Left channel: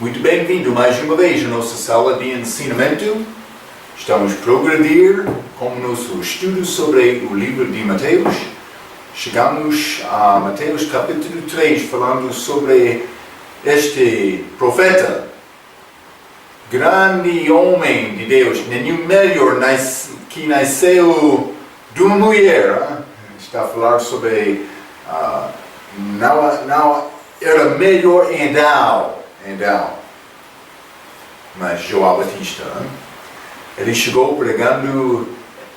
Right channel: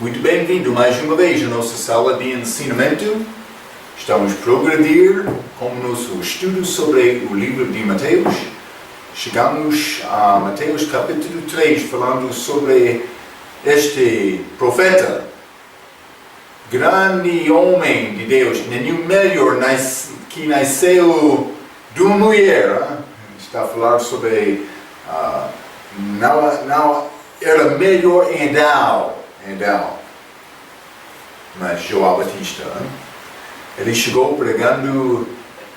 Muito bem-vindo mais uma vez à nossa sala de ensinamento. Estamos a progredir com o nosso estudo sobre o livro de Mateus. Chegamos a Mateus capítulo 3, falando sobre este profeta, grande homem de Deus, nenhum melhor que nasceu de uma mulher. Está a falar sobre, não era melhor em Adão, mas João Batista. Ele chegou pregando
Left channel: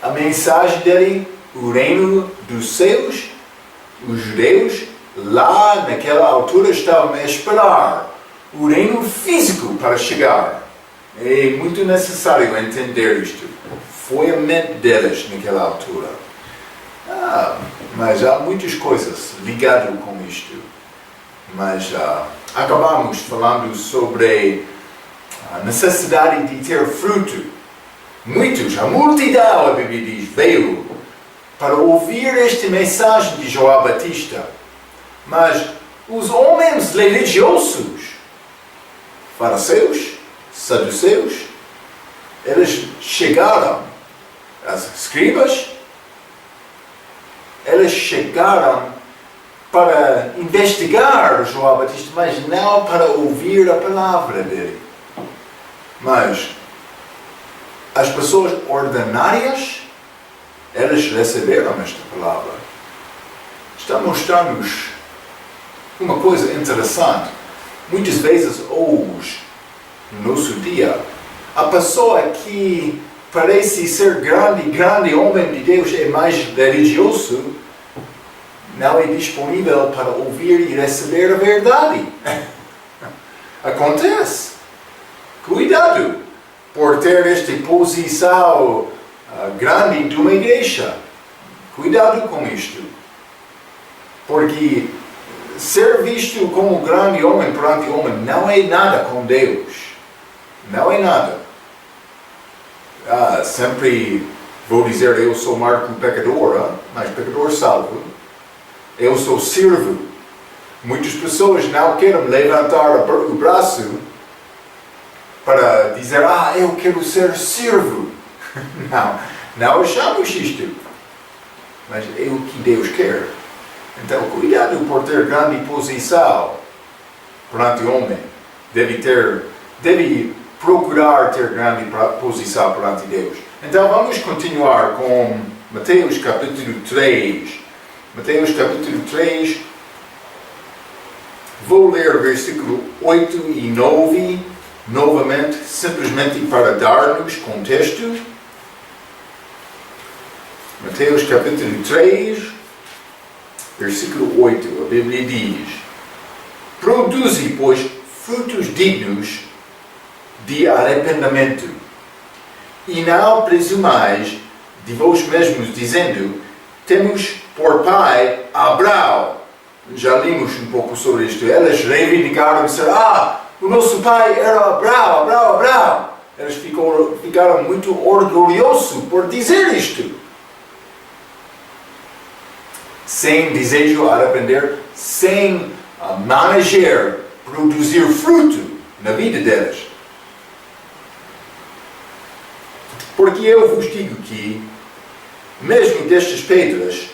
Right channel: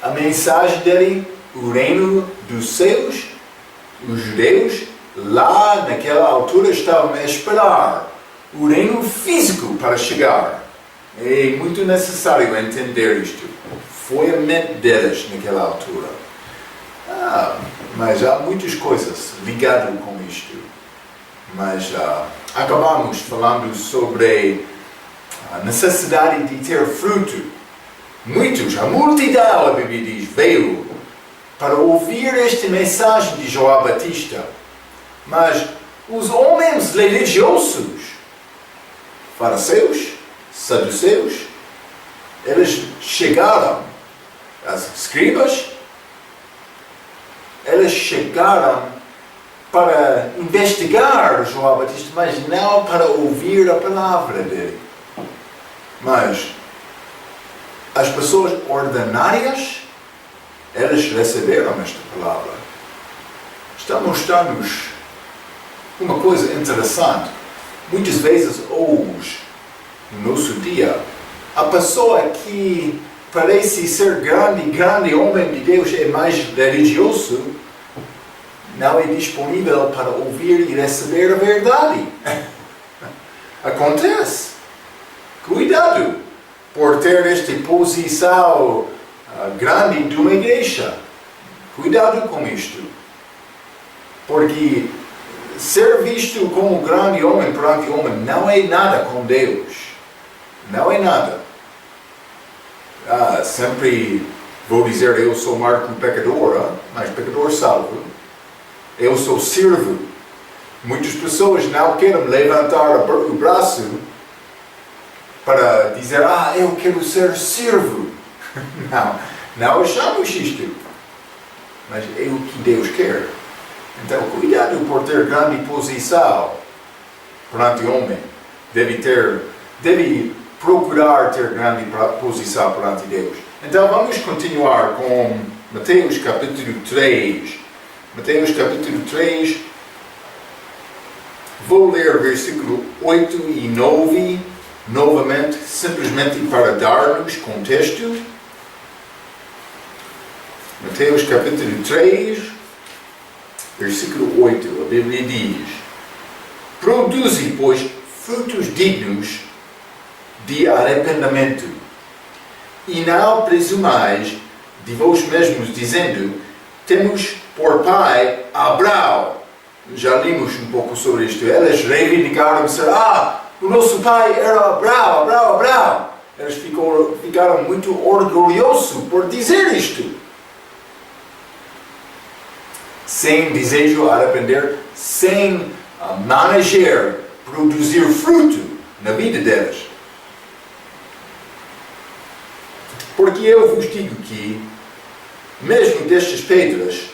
a mensagem dele, o reino dos céus. Os judeus lá naquela altura estavam a esperar o reino físico para chegar. É muito necessário entender isto. Foi a mente deles naquela altura. Mas há muitas coisas ligadas com isto. Mas acabamos falando sobre a necessidade de ter fruto. A multidão, a Bíblia diz, veio para ouvir esta mensagem de João Batista. Mas os homens religiosos, fariseus, saduceus, eles chegaram, as escribas, eles chegaram para investigar João Batista, mas não para ouvir a palavra dele. Mas as pessoas ordinárias, elas receberam esta palavra. Está a mostrar-nos uma coisa interessante. Muitas vezes hoje, no nosso dia, a pessoa que parece ser grande homem de Deus é mais religioso, não é disponível para ouvir e receber a verdade. Acontece. Cuidado por ter esta posição grande de uma igreja. Cuidado com isto. Porque ser visto como grande homem perante homem não é nada com Deus. Não é nada. Sempre vou dizer, eu sou Marco pecador, mas pecador salvo. Eu sou servo. Muitas pessoas não querem levantar o braço para dizer, eu quero ser servo. Não achamos isto. Mas é o que Deus quer. Então, cuidado por ter grande posição perante o homem. Deve procurar ter grande posição perante Deus. Então, vamos continuar com Mateus capítulo 3. Mateus capítulo 3, vou ler versículo 8 e 9, novamente, simplesmente para dar-nos contexto. Mateus capítulo 3, versículo 8, a Bíblia diz: produzi, pois, frutos dignos de arrependimento, e não presumais de vós mesmos, dizendo, temos por pai Abraão. Já limos um pouco sobre isto. Eles reivindicaram ser, o nosso pai era Abraão. Eles ficaram muito orgulhosos por dizer isto. Sem desejo arrepender, sem manejar, produzir fruto na vida deles. Porque eu vos digo que, mesmo destas pedras,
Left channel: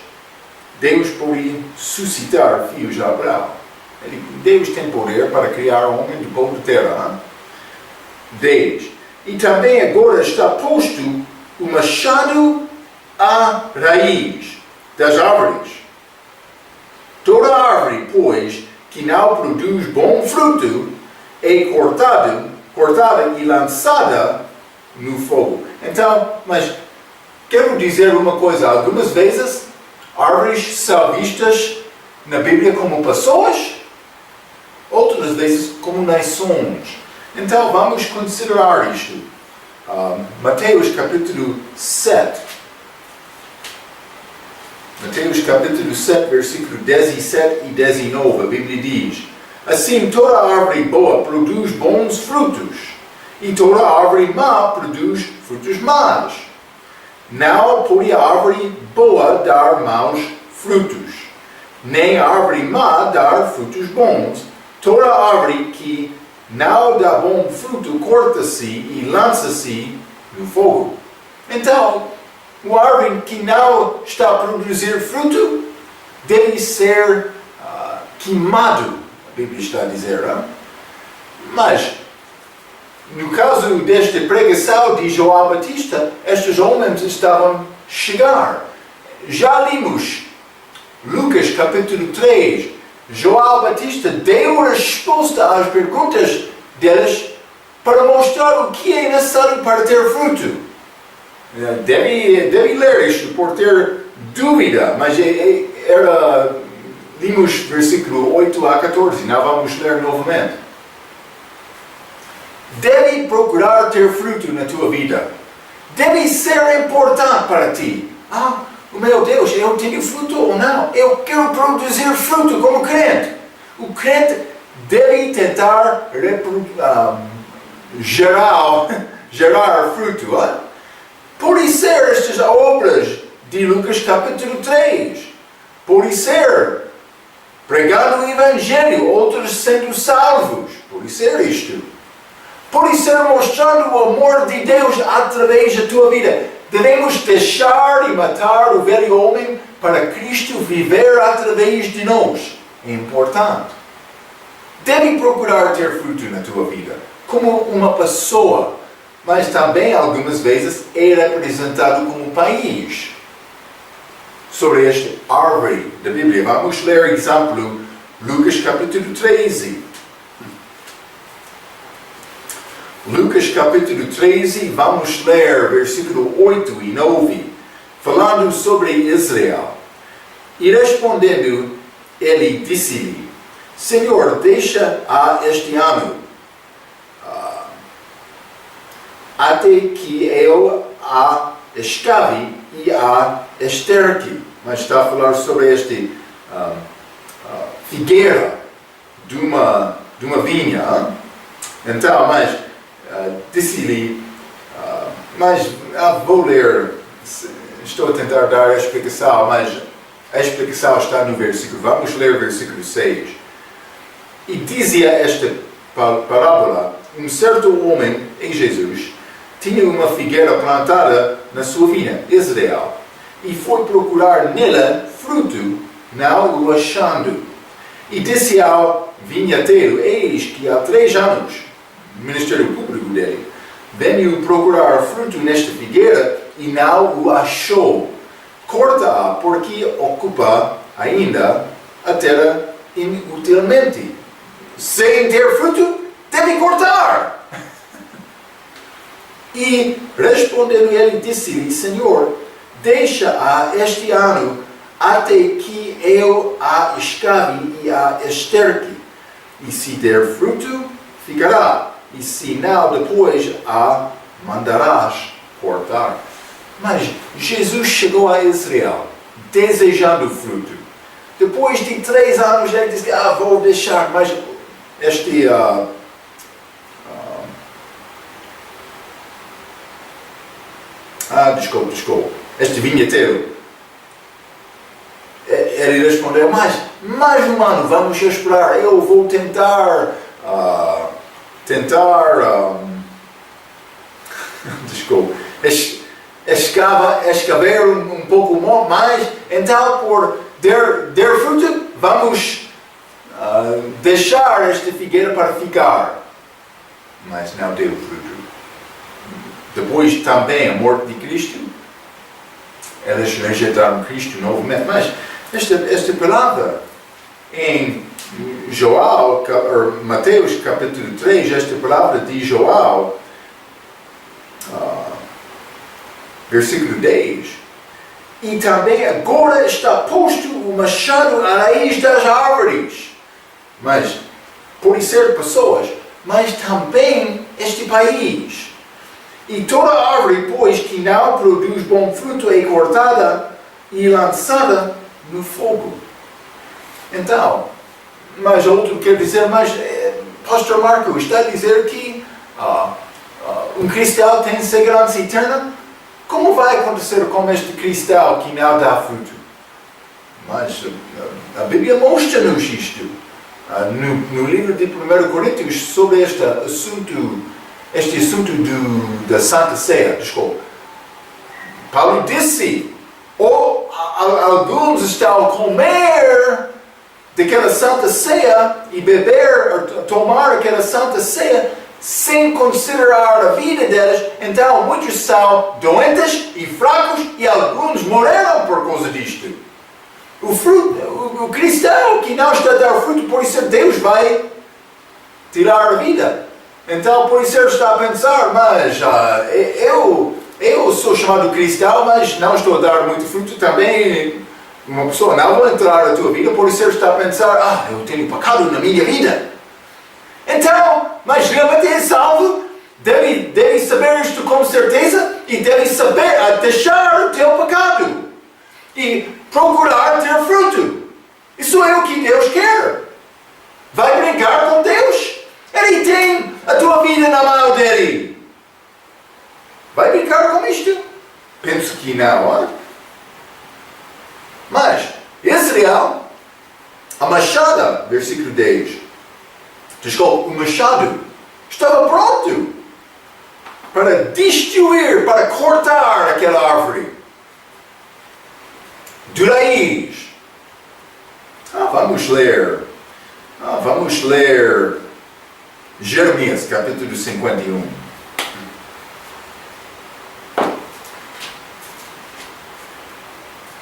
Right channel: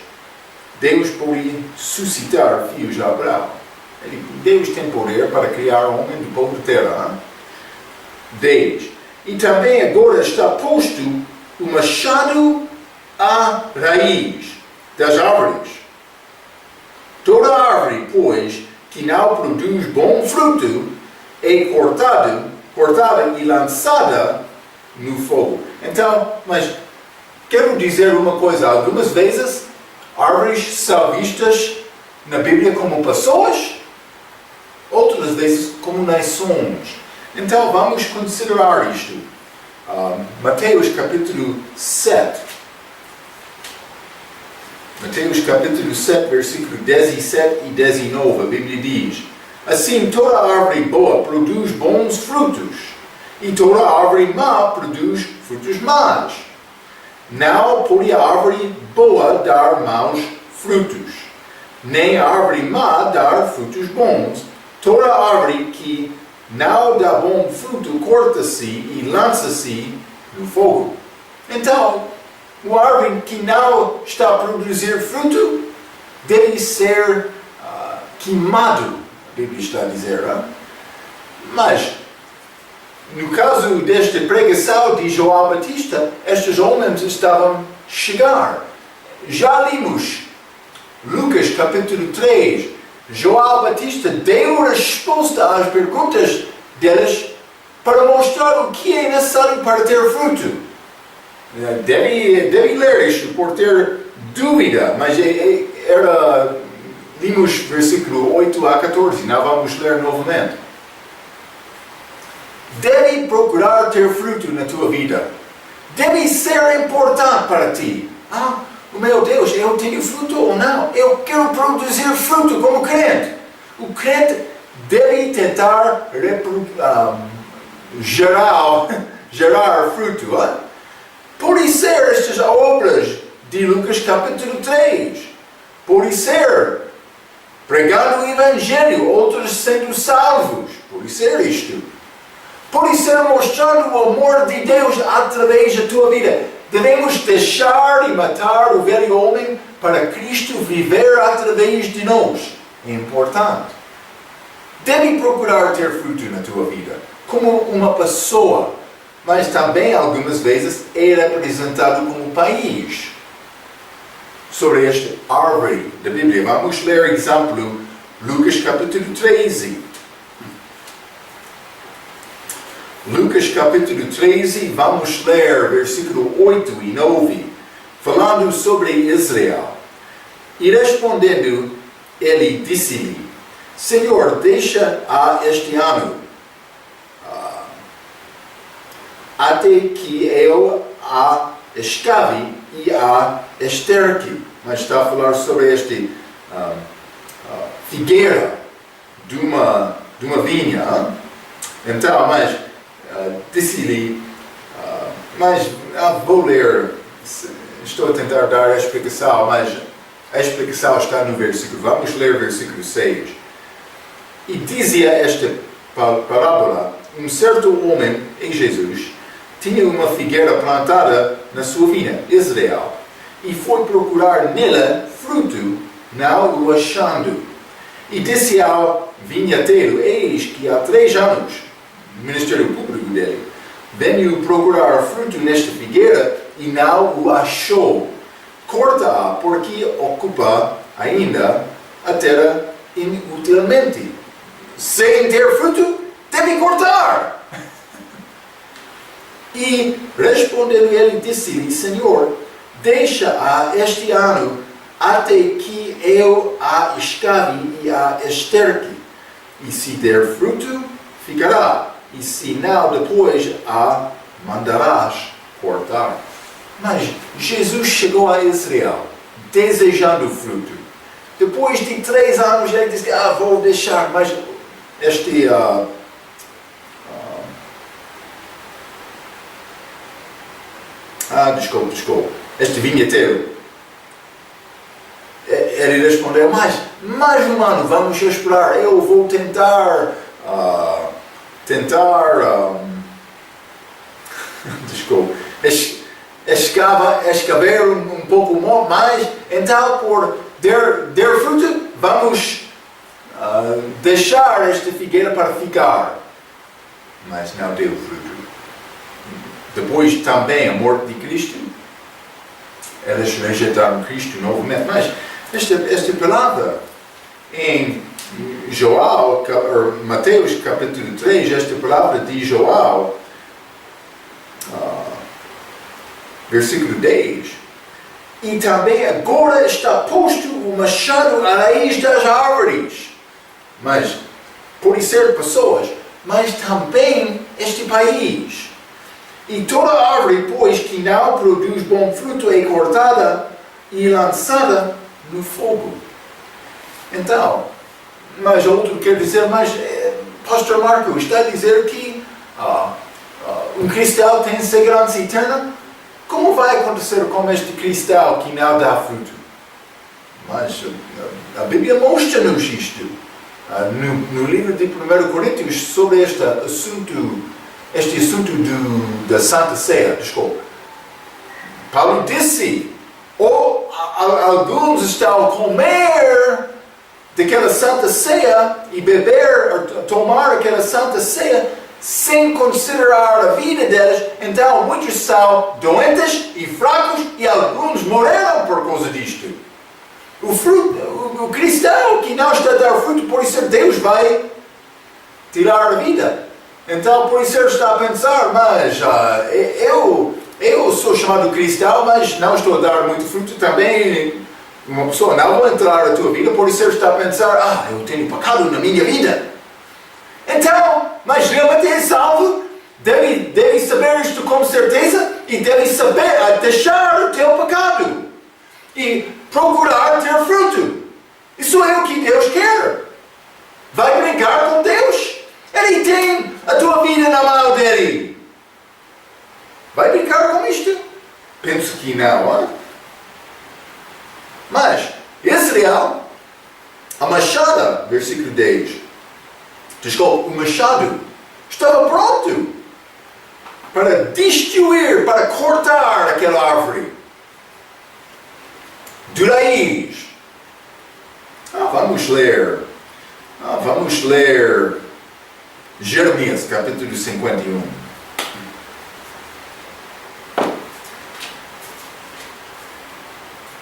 Deus pode suscitar filhos de Abraão. Deus tem poder para criar um homem do pó de terra. 10. E também agora está posto o machado à raiz das árvores. Toda árvore, pois, que não produz bom fruto, é cortada e lançada no fogo. Então, mas quero dizer uma coisa. Algumas vezes, árvores são vistas na Bíblia como pessoas, outras vezes como nações. Então, vamos considerar isto. Mateus capítulo 7. Mateus capítulo 7, versículo 17 e 19, a Bíblia diz: assim, toda árvore boa produz bons frutos, e toda árvore má produz frutos maus. Não pode a árvore boa dar maus frutos, nem a árvore má dar frutos bons. Toda árvore que não dá bom fruto, corta-se e lança-se no fogo. Então, uma árvore que não está a produzir fruto deve ser queimado, a Bíblia está a dizer. Hein? Mas, no caso desta pregação de João Batista, estes homens estavam a chegar. Já lemos Lucas capítulo 3. João Batista deu resposta às perguntas deles para mostrar o que é necessário para ter fruto. Deve ler isto por ter dúvida, mas lemos versículo 8 a 14, não vamos ler novamente. Deve procurar ter fruto na tua vida. Deve ser importante para ti. Meu Deus, eu tenho fruto ou não? Eu quero produzir fruto como crente. O crente deve tentar gerar fruto. Pode ser estas obras de Lucas capítulo 3. Pode ser pregando o Evangelho, outros sendo salvos. Pode ser isto. Pode ser mostrando o amor de Deus através da tua vida. Devemos deixar e matar o velho homem para Cristo viver através de nós. É importante. Deve procurar ter fruto na tua vida, como uma pessoa, mas também algumas vezes é representado como um país. Sobre esta árvore da Bíblia, vamos ler exemplo, Lucas capítulo 13. Lucas capítulo 13, vamos ler versículo 8 e 9, falando sobre Israel. E respondendo, ele disse-lhe, Senhor, deixa este ano, até que eu a escave e a esterque. Mas está a falar sobre este figueira de uma vinha. Então, mas disse-lhe, mas vou ler, estou a tentar dar a explicação, mas a explicação está no versículo. Vamos ler o versículo 6. E dizia esta parábola, um certo homem, em Jesus, tinha uma figueira plantada na sua vinha, Israel, e foi procurar nela fruto, não o achando. E disse ao vinhateiro, eis que há 3 anos, ministério público dele, veio procurar fruto nesta figueira e não o achou. Corta-a, porque ocupa ainda a terra inutilmente. Sem ter fruto, deve cortar. E respondendo ele, disse-lhe, Senhor, deixa-a este ano até que eu a escave e a esterque. E se der fruto, ficará. E se não, depois a mandarás cortar. Mas Jesus chegou a Israel, desejando fruto. Depois de 3 anos, ele disse, vou deixar, mas este desculpa. Este vinheteiro, ele respondeu, mas mais um ano, vamos esperar, eu vou tentar escavar um pouco mais, então por der fruto, vamos deixar esta figueira para ficar. Mas não deu fruto. Depois também a morte de Cristo, eles rejeitaram Cristo novamente. Mas esta palavra em João, Mateus capítulo 3, esta palavra de João, versículo 10, e também agora está posto o machado à raiz das árvores. Mas pode ser pessoas, mas também este país. E toda árvore, pois, que não produz bom fruto é cortada e lançada no fogo. Então, mas outro quer dizer, mas Pastor Marco está a dizer que um cristão tem segurança eterna? Como vai acontecer com este cristão que não dá fruto? Mas a Bíblia mostra-nos isto. no livro de 1 Coríntios sobre este assunto da Santa Ceia. Desculpa. Paulo disse, alguns estão a comer daquela Santa Ceia e beber, tomar aquela Santa Ceia sem considerar a vida deles. Então muitos são doentes e fracos e alguns morreram por causa disto. O cristão que não está a dar fruto, por isso Deus vai tirar a vida. Então por isso ele está a pensar, mas eu sou chamado cristão, mas não estou a dar muito fruto também. Uma pessoa não vai entrar na tua vida, por isso ele está a pensar, eu tenho pecado na minha vida. Então, mas realmente é salvo, deve saber isto com certeza e deve saber deixar o teu pecado e procurar ter fruto. Isso é o que Deus quer. Vai brincar com Deus. Ele tem a tua vida na mão dele. Vai brincar com isto? Penso que não. Mas Israel, a machada, versículo 10. Desculpa, o machado estava pronto para destruir, para cortar aquela árvore de raiz. Vamos ler Jeremias, capítulo 51.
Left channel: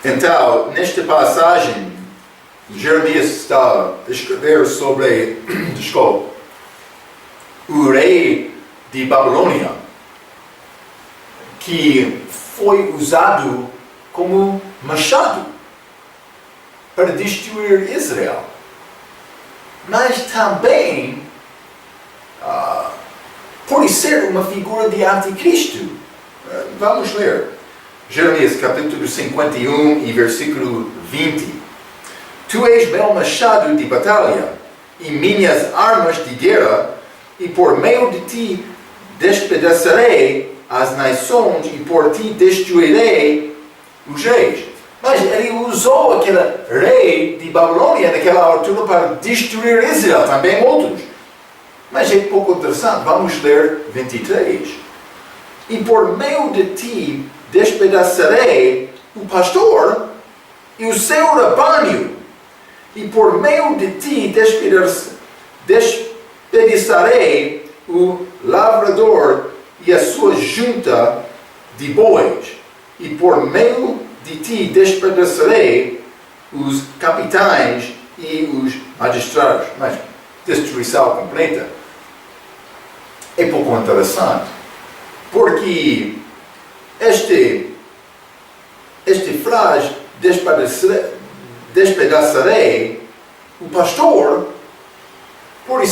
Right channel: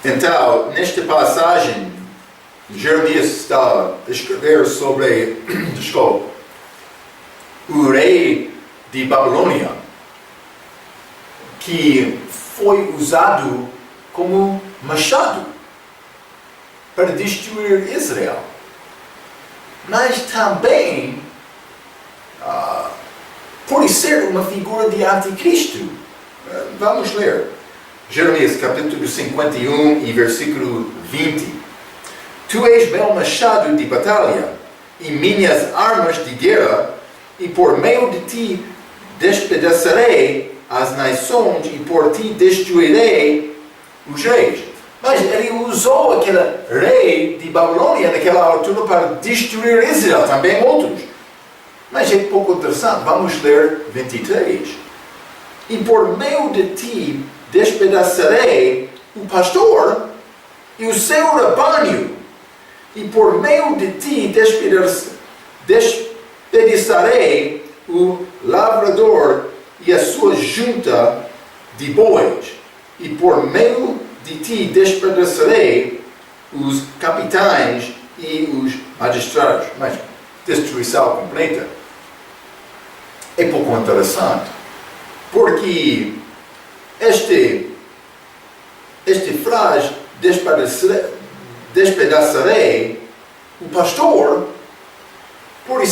Então, nesta passagem, Jeremias está a escrever sobre o rei de Babilônia, que foi usado como machado para destruir Israel. Mas também pode ser uma figura de anticristo. Vamos ler. Jeremias capítulo 51 e versículo 20. Tu és meu machado de batalha e minhas armas de guerra, e por meio de ti despedaçarei as nações e por ti destruirei os reis. Mas ele usou aquele rei de Babilônia naquela altura para destruir Israel, também outros. Mas é pouco interessante, vamos ler 23. E por meio de ti despedaçarei o pastor e o seu rebanho, e por meio de ti despedaçarei o lavrador e a sua junta de bois, e por meio de ti despedaçarei os capitães e os magistrados. Mas destruição completa é pouco interessante, porque este frase despedaçarei o pastor por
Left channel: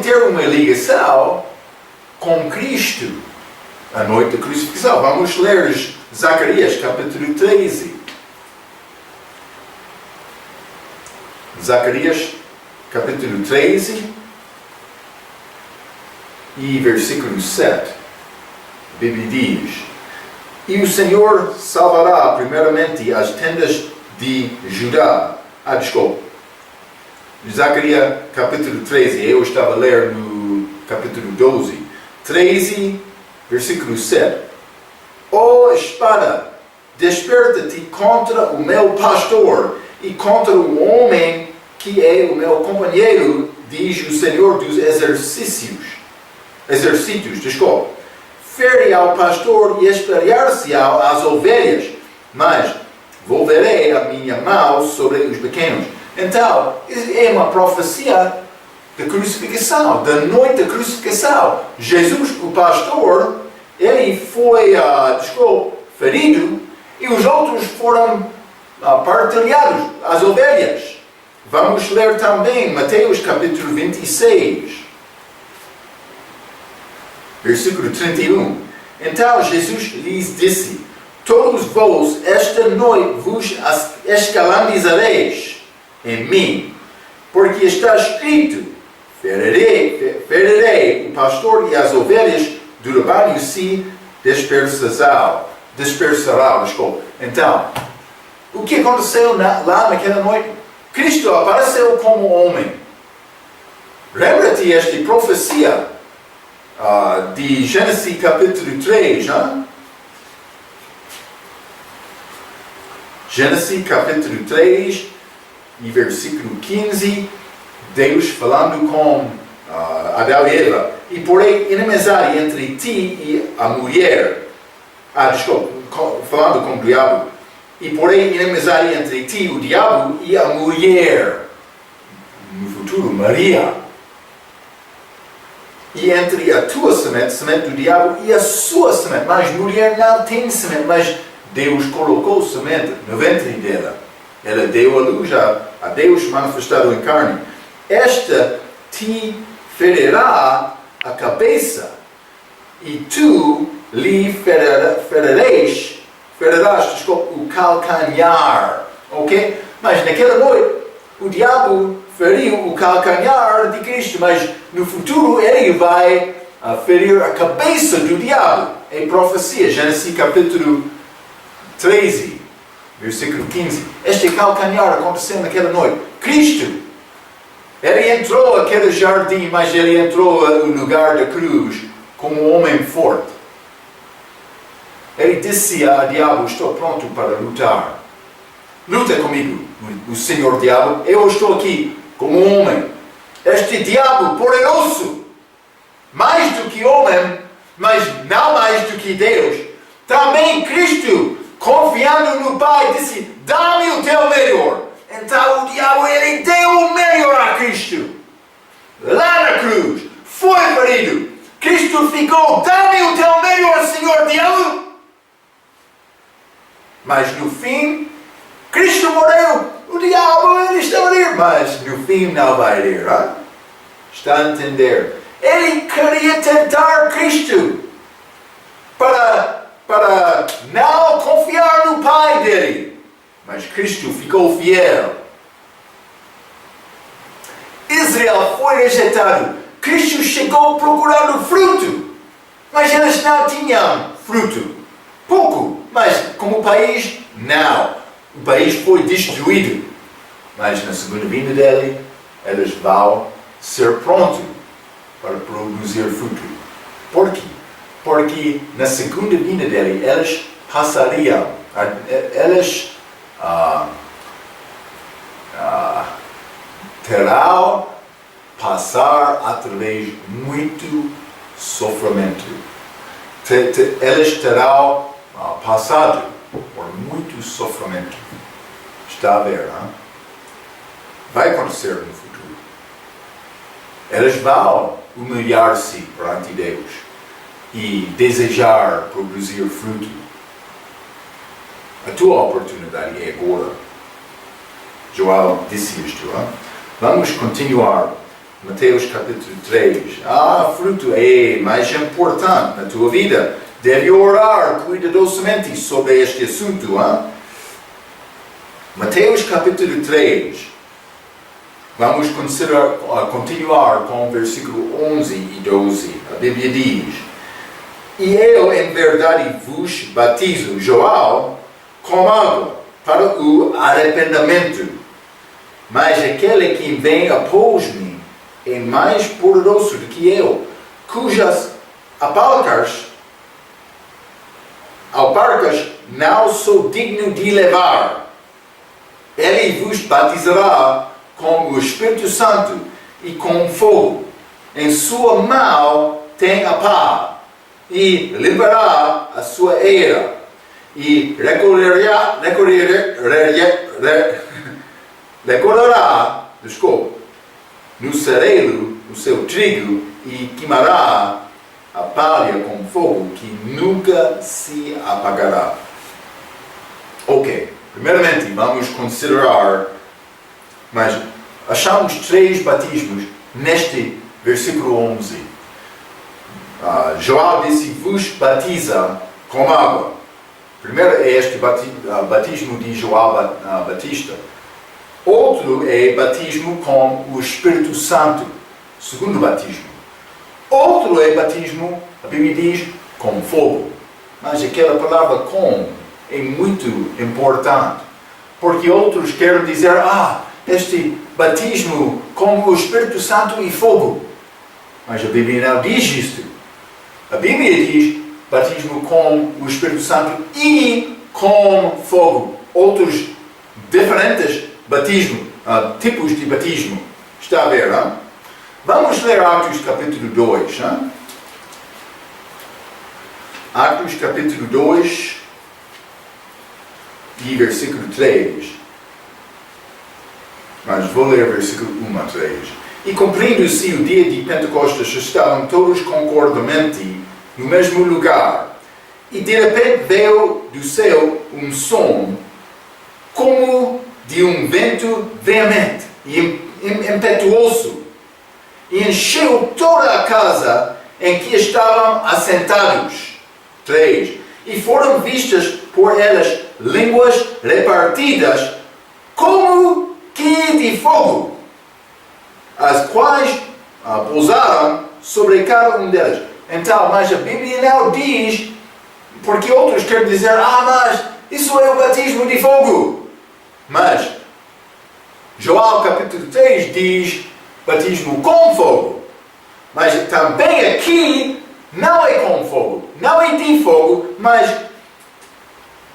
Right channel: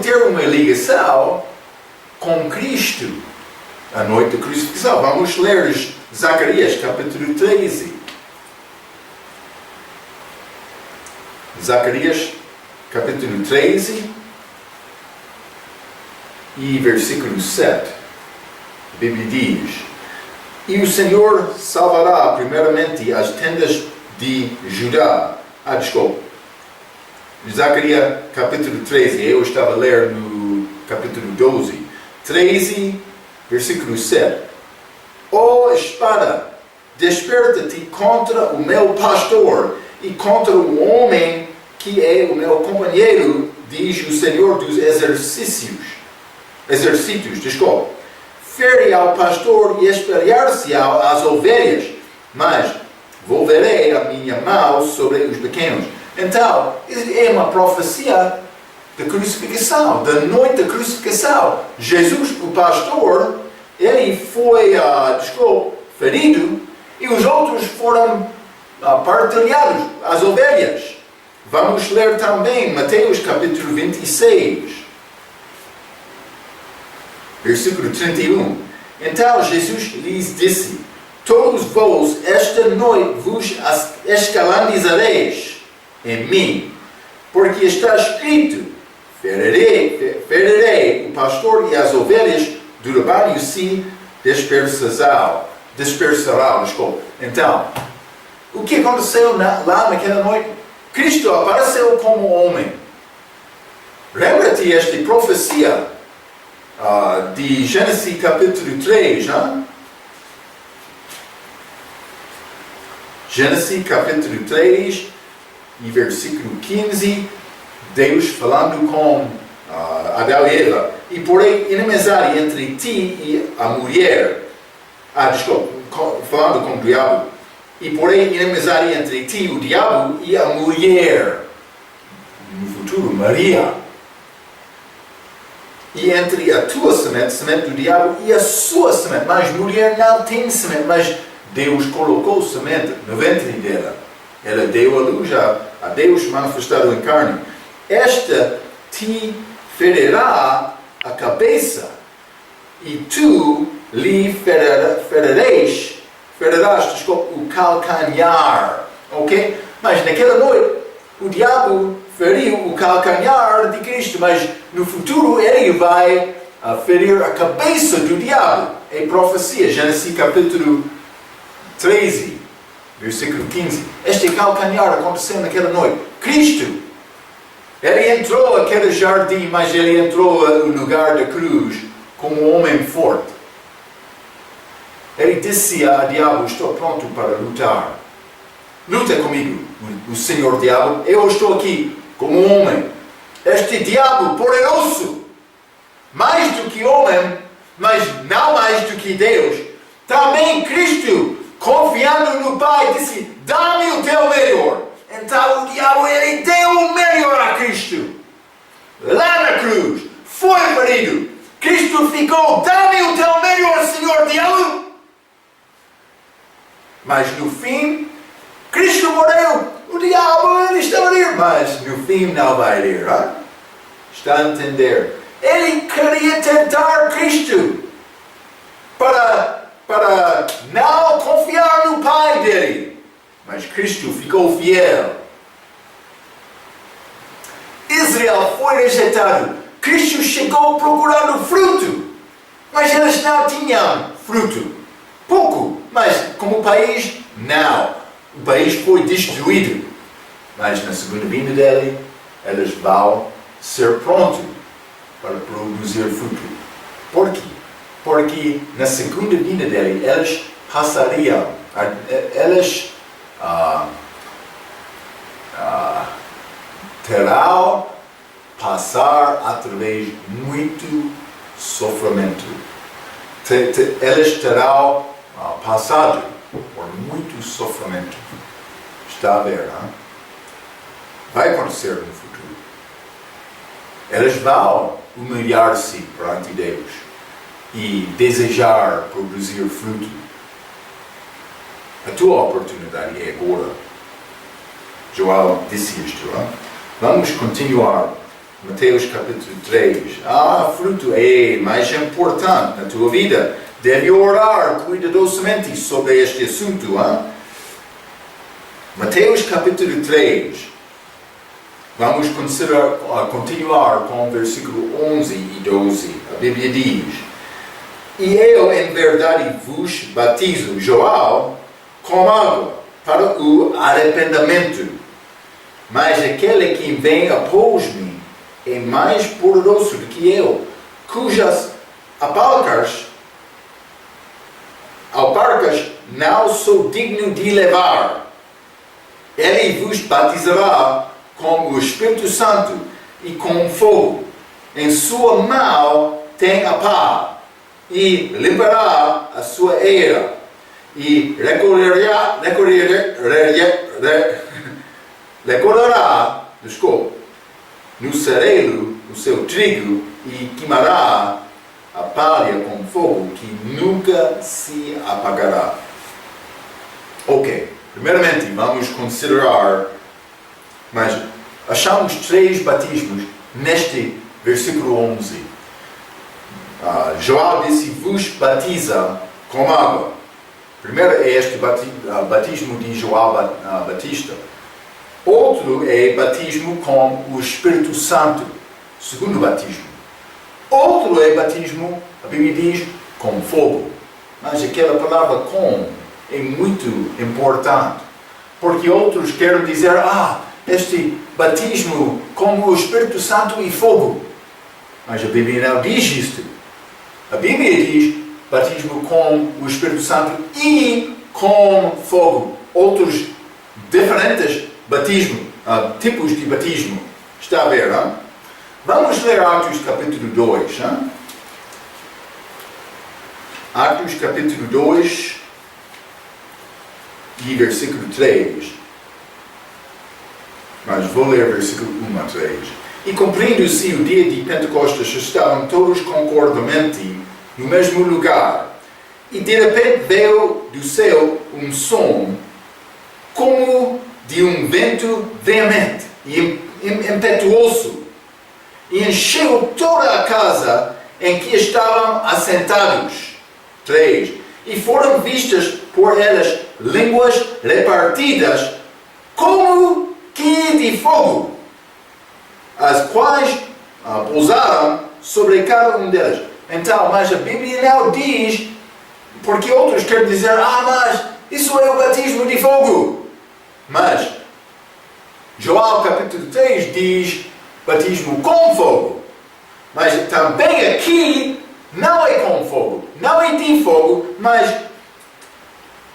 ter uma ligação com Cristo, a noite da crucifixão. Vamos ler Zacarias capítulo 13. Zacarias capítulo 13 e versículo 7. A Bíblia diz: E o Senhor salvará primeiramente as tendas de Judá. Desculpa. Zacarias capítulo 13, eu estava a ler no capítulo 12. 13, versículo 7. Ó espada, desperta-te contra o meu pastor e contra o homem que é o meu companheiro, diz o Senhor dos exércitos. Fere ao pastor e espalhar-se-ão as ovelhas, mas volverei a minha mão sobre os pequenos. Então, é uma profecia da crucificação, da noite da crucificação. Jesus, o pastor, ele foi ferido e os outros foram partilhados, as ovelhas. Vamos ler também Mateus capítulo 26. Versículo 31. Então Jesus lhes disse: Todos vós esta noite vos escandalizareis em mim, porque está escrito: ferirei o pastor e as ovelhas do rebanho se dispersarão. Então, o que aconteceu lá naquela noite? Cristo apareceu como homem. Lembra-te esta profecia de Gênesis capítulo 3, hein? Gênesis capítulo 3, e versículo 15, Deus falando com Adão e Eva: e porém inimizade entre ti e a mulher. Falando com o diabo: e porém inimizade entre ti, o diabo, e a mulher, no futuro Maria. E entre a tua semente do diabo, e a sua semente. Mas mulher não tem semente, mas Deus colocou semente no ventre dela. Ela deu a luz a Deus manifestado em carne. Esta te ferirá a cabeça, e tu lhe ferirás o calcanhar. Ok? Mas naquela noite, o diabo feriu o calcanhar de Cristo, mas no futuro ele vai ferir a cabeça do diabo. É profecia, Gênesis capítulo 13, versículo 15. Este calcanhar aconteceu naquela noite. Cristo, ele entrou naquele jardim, mas ele entrou no lugar da cruz como um homem forte. Ele disse a diabo: estou pronto para lutar. Luta comigo, o Senhor diabo. Eu estou aqui como um homem. Este diabo poderoso, mais do que homem, mas não mais do que Deus. Também Cristo, confiando no Pai, disse: dá-me o teu melhor. Então o diabo, ele deu o melhor a Cristo. Lá na cruz, foi ferido. Cristo ficou: dá-me o teu melhor, Senhor diabo. Mas no fim, Cristo morreu. O diabo, ele está a ir, mas no fim não vai ir. Hein? Está a entender? Ele queria tentar Cristo para não confiar no Pai dele. Mas Cristo ficou fiel. Israel foi rejeitado. Cristo chegou procurando fruto, mas eles não tinham fruto. Pouco, mas como país, não. O país foi destruído. Mas na segunda vinda dele, eles vão ser prontos para produzir fruto. Por quê? Porque na segunda vinda dele, eles passariam, eles terão passar através de muito sofrimento. Eles terão passado por muito sofrimento. Está a ver, hein? Vai acontecer no futuro. Eles vão humilhar-se perante Deus e desejar produzir fruto. A tua oportunidade é agora. João disse isto. Hein? Vamos continuar. Mateus capítulo 3. Fruto é mais importante na tua vida. Deve orar cuidadosamente sobre este assunto. Hein? Mateus capítulo 3. Vamos continuar com o versículo 11 e 12. A Bíblia diz: e eu em verdade vos batizo, João, com água para o arrependimento. Mas aquele que vem após mim é mais poderoso do que eu, cujas alparcas não sou digno de levar. Ele vos batizará com o Espírito Santo e com fogo. Em sua mão tem a pá, e limpará a sua eira, e recolherá no cereiro o seu trigo, e queimará a palha com fogo que nunca se apagará. Ok, primeiramente vamos considerar, mas achamos 3 batismos neste versículo 11. João disse: vos batiza com água. Primeiro é este batismo de João Batista. Outro é batismo com o Espírito Santo. Segundo batismo. Outro é batismo, a Bíblia diz, com fogo. Mas aquela palavra com é muito importante. Porque outros querem dizer: este batismo com o Espírito Santo e fogo. Mas a Bíblia não diz isto. A Bíblia diz batismo com o Espírito Santo e com fogo. Outros diferentes batismos, tipos de batismo. Está a ver, não? Vamos ler Atos capítulo 2. Não? Atos capítulo 2 e versículo 3. Mas vou ler versículo 1 a 3. E cumprindo-se o dia de Pentecostes, estavam todos concordamente no mesmo lugar. E de repente veio do céu um som, como de um vento veemente e impetuoso, e encheu toda a casa em que estavam assentados. 3. E foram vistas por elas línguas repartidas como que de fogo, as quais pousaram sobre cada um delas. Então, mas a Bíblia não diz, porque outros querem dizer, mas isso é o batismo de fogo. Mas João capítulo 3 diz batismo com fogo. Mas também aqui não é com fogo, não é de fogo, mas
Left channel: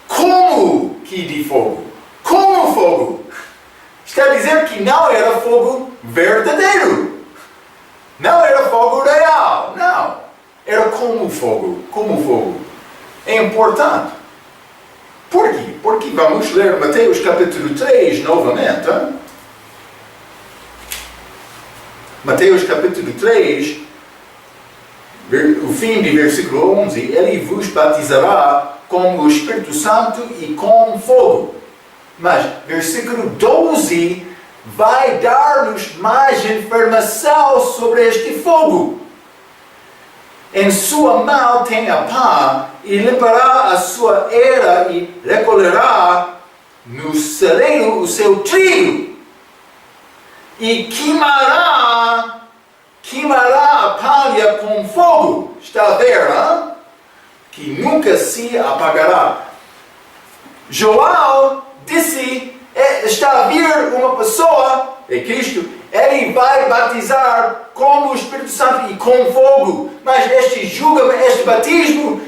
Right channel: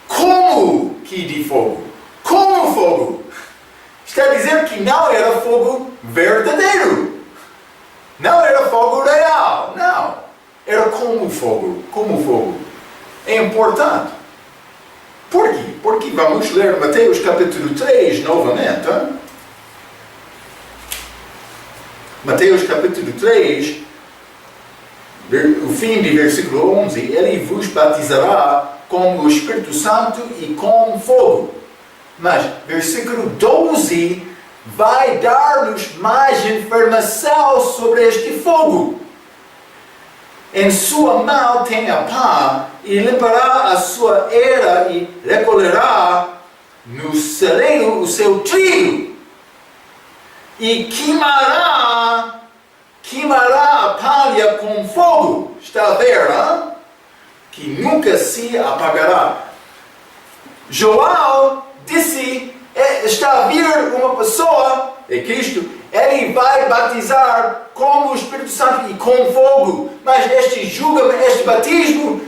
como que de fogo? Como fogo? Está a dizer que não era fogo verdadeiro. Não era fogo real. Não. Era como fogo. Como fogo. É importante. Por quê? Porque vamos ler Mateus capítulo 3 novamente. Hein? Mateus capítulo 3, o fim de versículo 11. Ele vos batizará com o Espírito Santo e com fogo. Mas versículo 12 vai dar-nos mais informação sobre este fogo. Em sua mão tem a pá, e limpará a sua era e recolherá no celeiro o seu trigo. E queimará a palha com fogo. Está a ver, hein? Que nunca se apagará. João disse, está a vir uma pessoa, é Cristo, ele vai batizar com o Espírito Santo e com fogo. Mas este batismo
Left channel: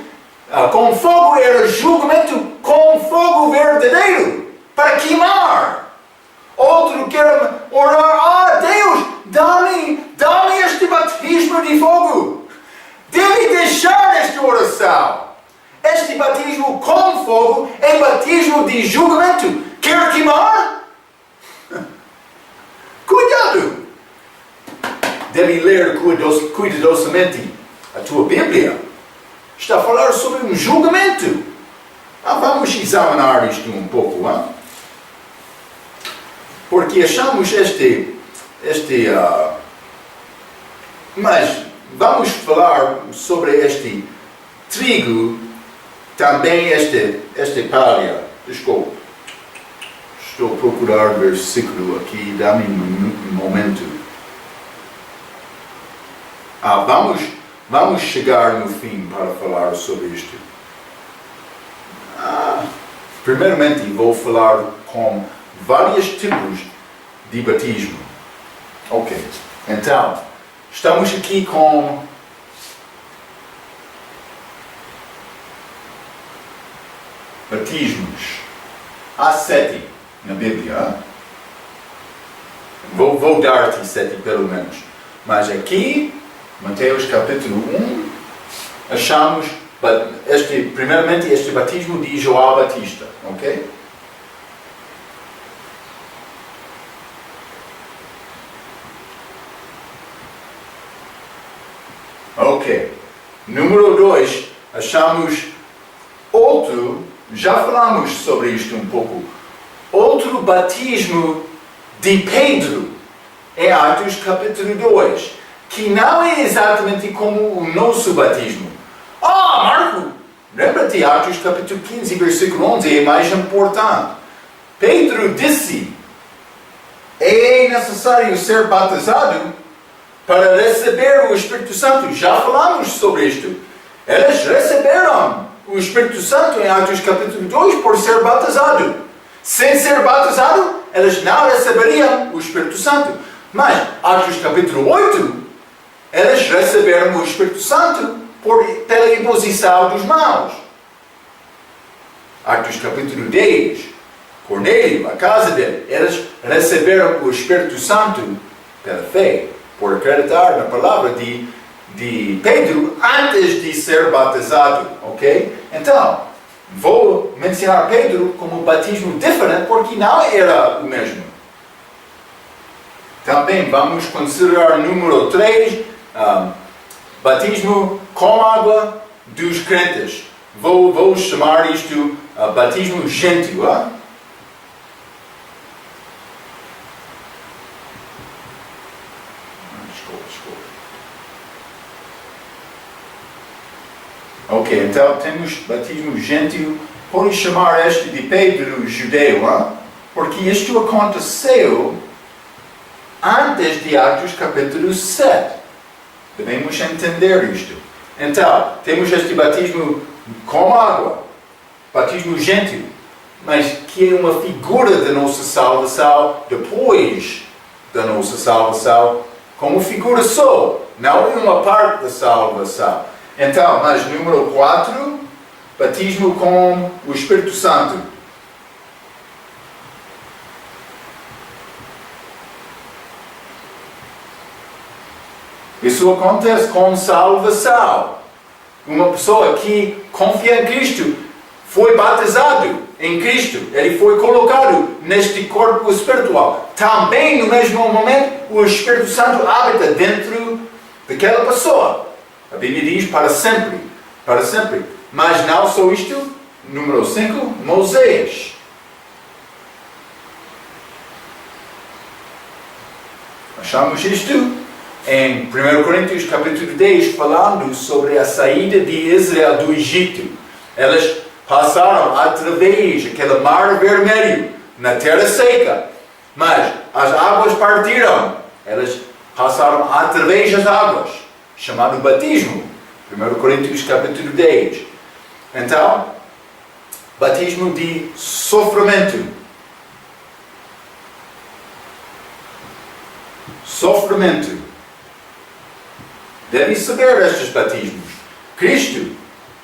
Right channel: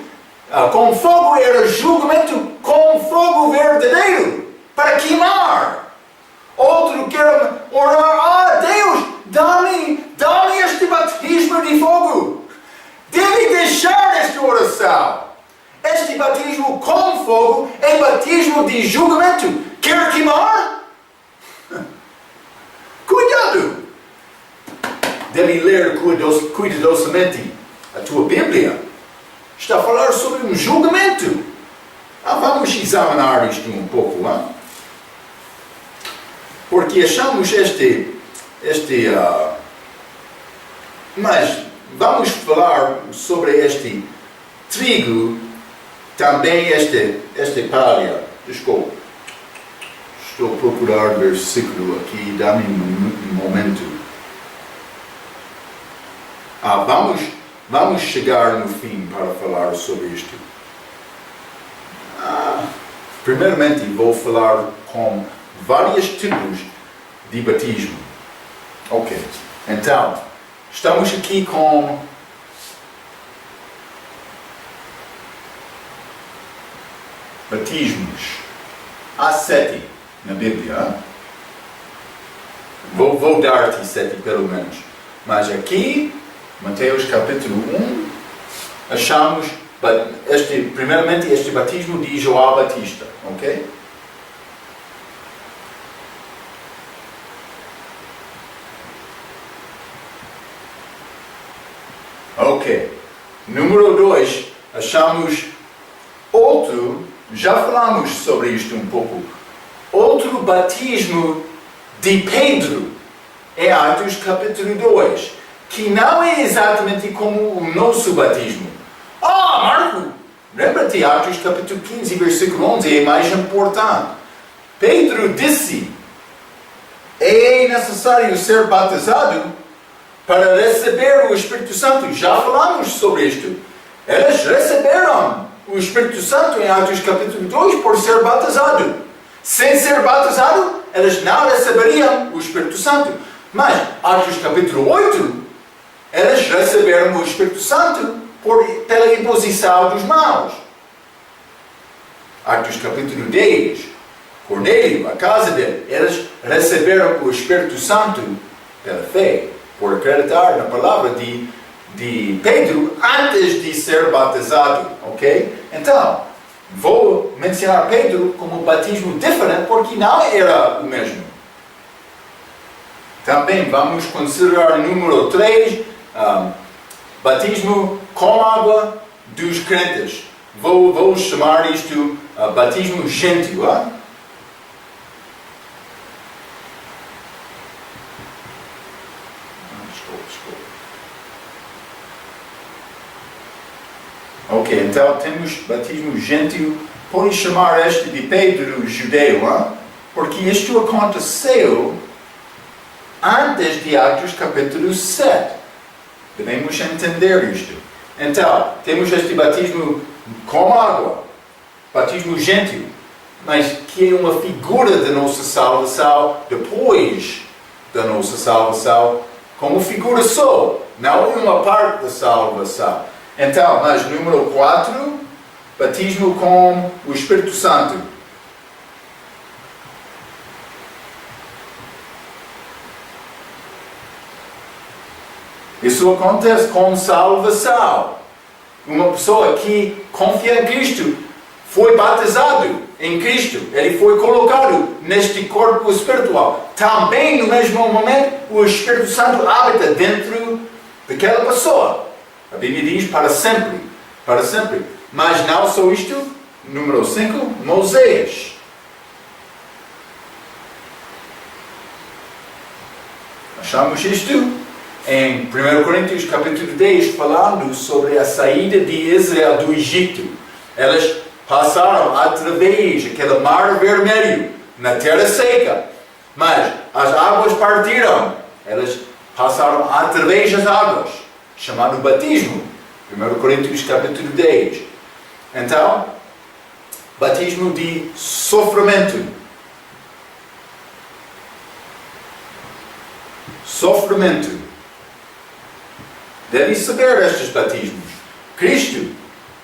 com fogo era julgamento com fogo verdadeiro, para queimar. Outro quer orar, Deus, dá-me este batismo de fogo. Deve deixar esta oração. Este batismo com fogo é batismo de julgamento. Quer queimar? Cuidado! Deve ler cuidadosamente a tua Bíblia. Está a falar sobre um julgamento. Vamos examinar isto um pouco. Porque achamos mas vamos falar sobre este trigo, também esta palha. Desculpa. Estou a procurar versículo aqui, dá-me um momento. Vamos chegar no fim para falar sobre isto. Primeiramente vou falar com vários tipos de batismo. Ok, então, estamos aqui com batismos. Há 7 na Bíblia. Vou dar-te 7 pelo menos. Mas aqui, Mateus capítulo 1, achamos primeiramente este batismo de João Batista. Ok? Ok. Número 2, achamos outro, já falamos sobre isto um pouco, outro batismo de Pedro, em Atos capítulo 2, que não é exatamente como o nosso batismo. Marco, lembra-te, Atos capítulo 15, versículo 11, é mais importante. Pedro disse, é necessário ser batizado para receber o Espírito Santo. Já falamos sobre isto. Eles receberam o Espírito Santo em Atos capítulo 2 por ser batizado. Sem ser batizado, elas não receberiam o Espírito Santo. Mas, Atos capítulo 8, elas receberam o Espírito Santo pela imposição dos maus. Atos capítulo 10, Cornélio, a casa dele, elas receberam o Espírito Santo pela fé, por acreditar na palavra de Pedro antes de ser batizado, ok? Então, vou mencionar Pedro como batismo diferente porque não era o mesmo. Também vamos considerar número 3, batismo com água dos crentes. Vou chamar isto batismo gentio. Ok, então temos batismo gentio. Pode chamar este de Pedro judeu, porque isto aconteceu antes de Atos capítulo 7. Devemos entender isto. Então, temos este batismo com água, batismo gentio, mas que é uma figura da nossa salvação depois da nossa salvação, como figura só, não uma parte da salvação. Então, mas número 4, batismo com o Espírito Santo. Isso acontece com salvação. Uma pessoa que confia em Cristo foi batizado em Cristo. Ele foi colocado neste corpo espiritual. Também, no mesmo momento, o Espírito Santo habita dentro daquela pessoa. A Bíblia diz para sempre. Para sempre. Mas não só isto. Número 5, Moisés. Achamos isto em 1 Coríntios capítulo 10, falando sobre a saída de Israel do Egito. Elas passaram através daquele mar vermelho, na terra seca. Mas as águas partiram. Elas passaram através das águas, chamado batismo. 1 Coríntios capítulo 10. Então, batismo de sofrimento. Sofrimento. Deve saber estes batismos. Cristo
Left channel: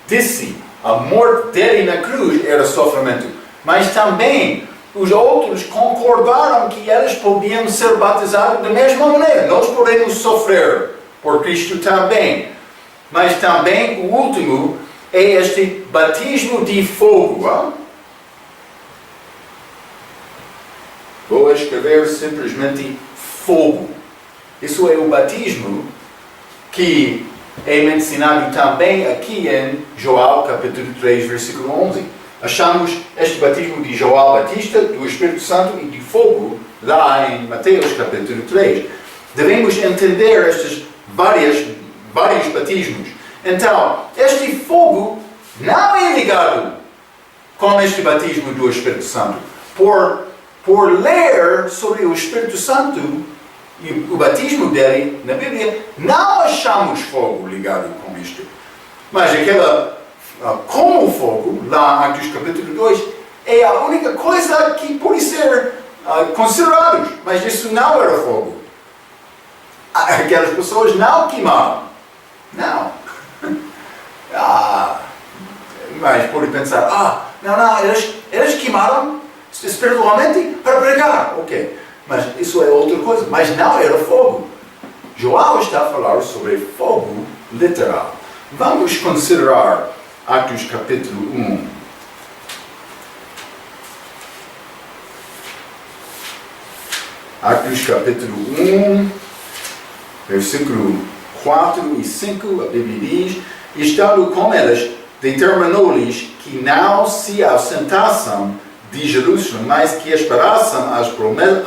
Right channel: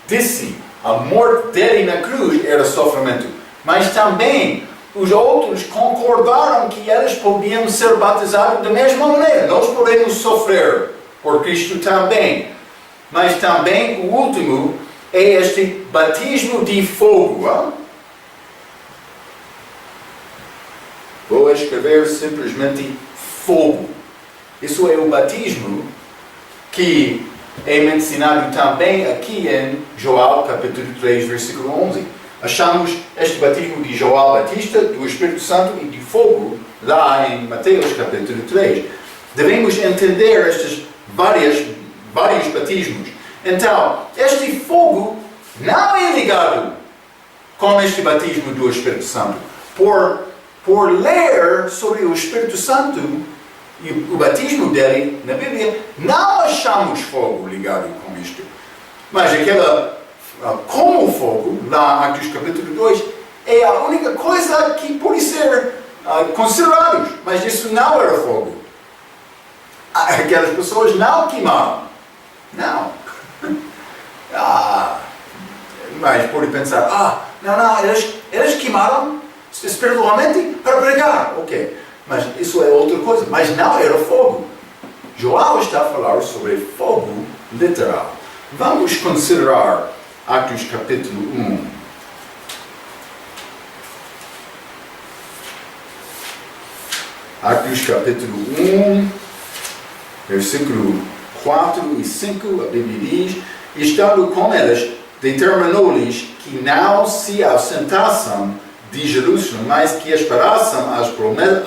disse a morte dele na cruz era sofrimento. Mas também os outros concordaram que eles podiam ser batizados da mesma maneira. Nós podemos sofrer por Cristo também. Mas também o último é este batismo de fogo. Vou escrever simplesmente fogo. Isso é o batismo que é mencionado também aqui em Joel capítulo 3, versículo 11. Achamos este batismo de Joel Batista, do Espírito Santo e de fogo, lá em Mateus capítulo 3. Devemos entender estes vários batismos. Então, este fogo não é ligado com este batismo do Espírito Santo. Por ler sobre o Espírito Santo e o batismo dele na Bíblia, não achamos fogo ligado com isto. Mas como fogo, lá em Atos capítulo 2, é a única coisa que pode ser considerado. Mas isso não era fogo. Aquelas pessoas não queimaram. Não. Mas pode pensar, eles queimaram espiritualmente para pregar. Ok. Mas isso é outra coisa. Mas não era fogo. João está a falar sobre fogo literal. Vamos considerar Atos capítulo 1. Atos capítulo 1, versículo 4 e 5, a Bíblia diz: estando com eles, determinou-lhes que não se ausentassem de Jerusalém, mas que esperassem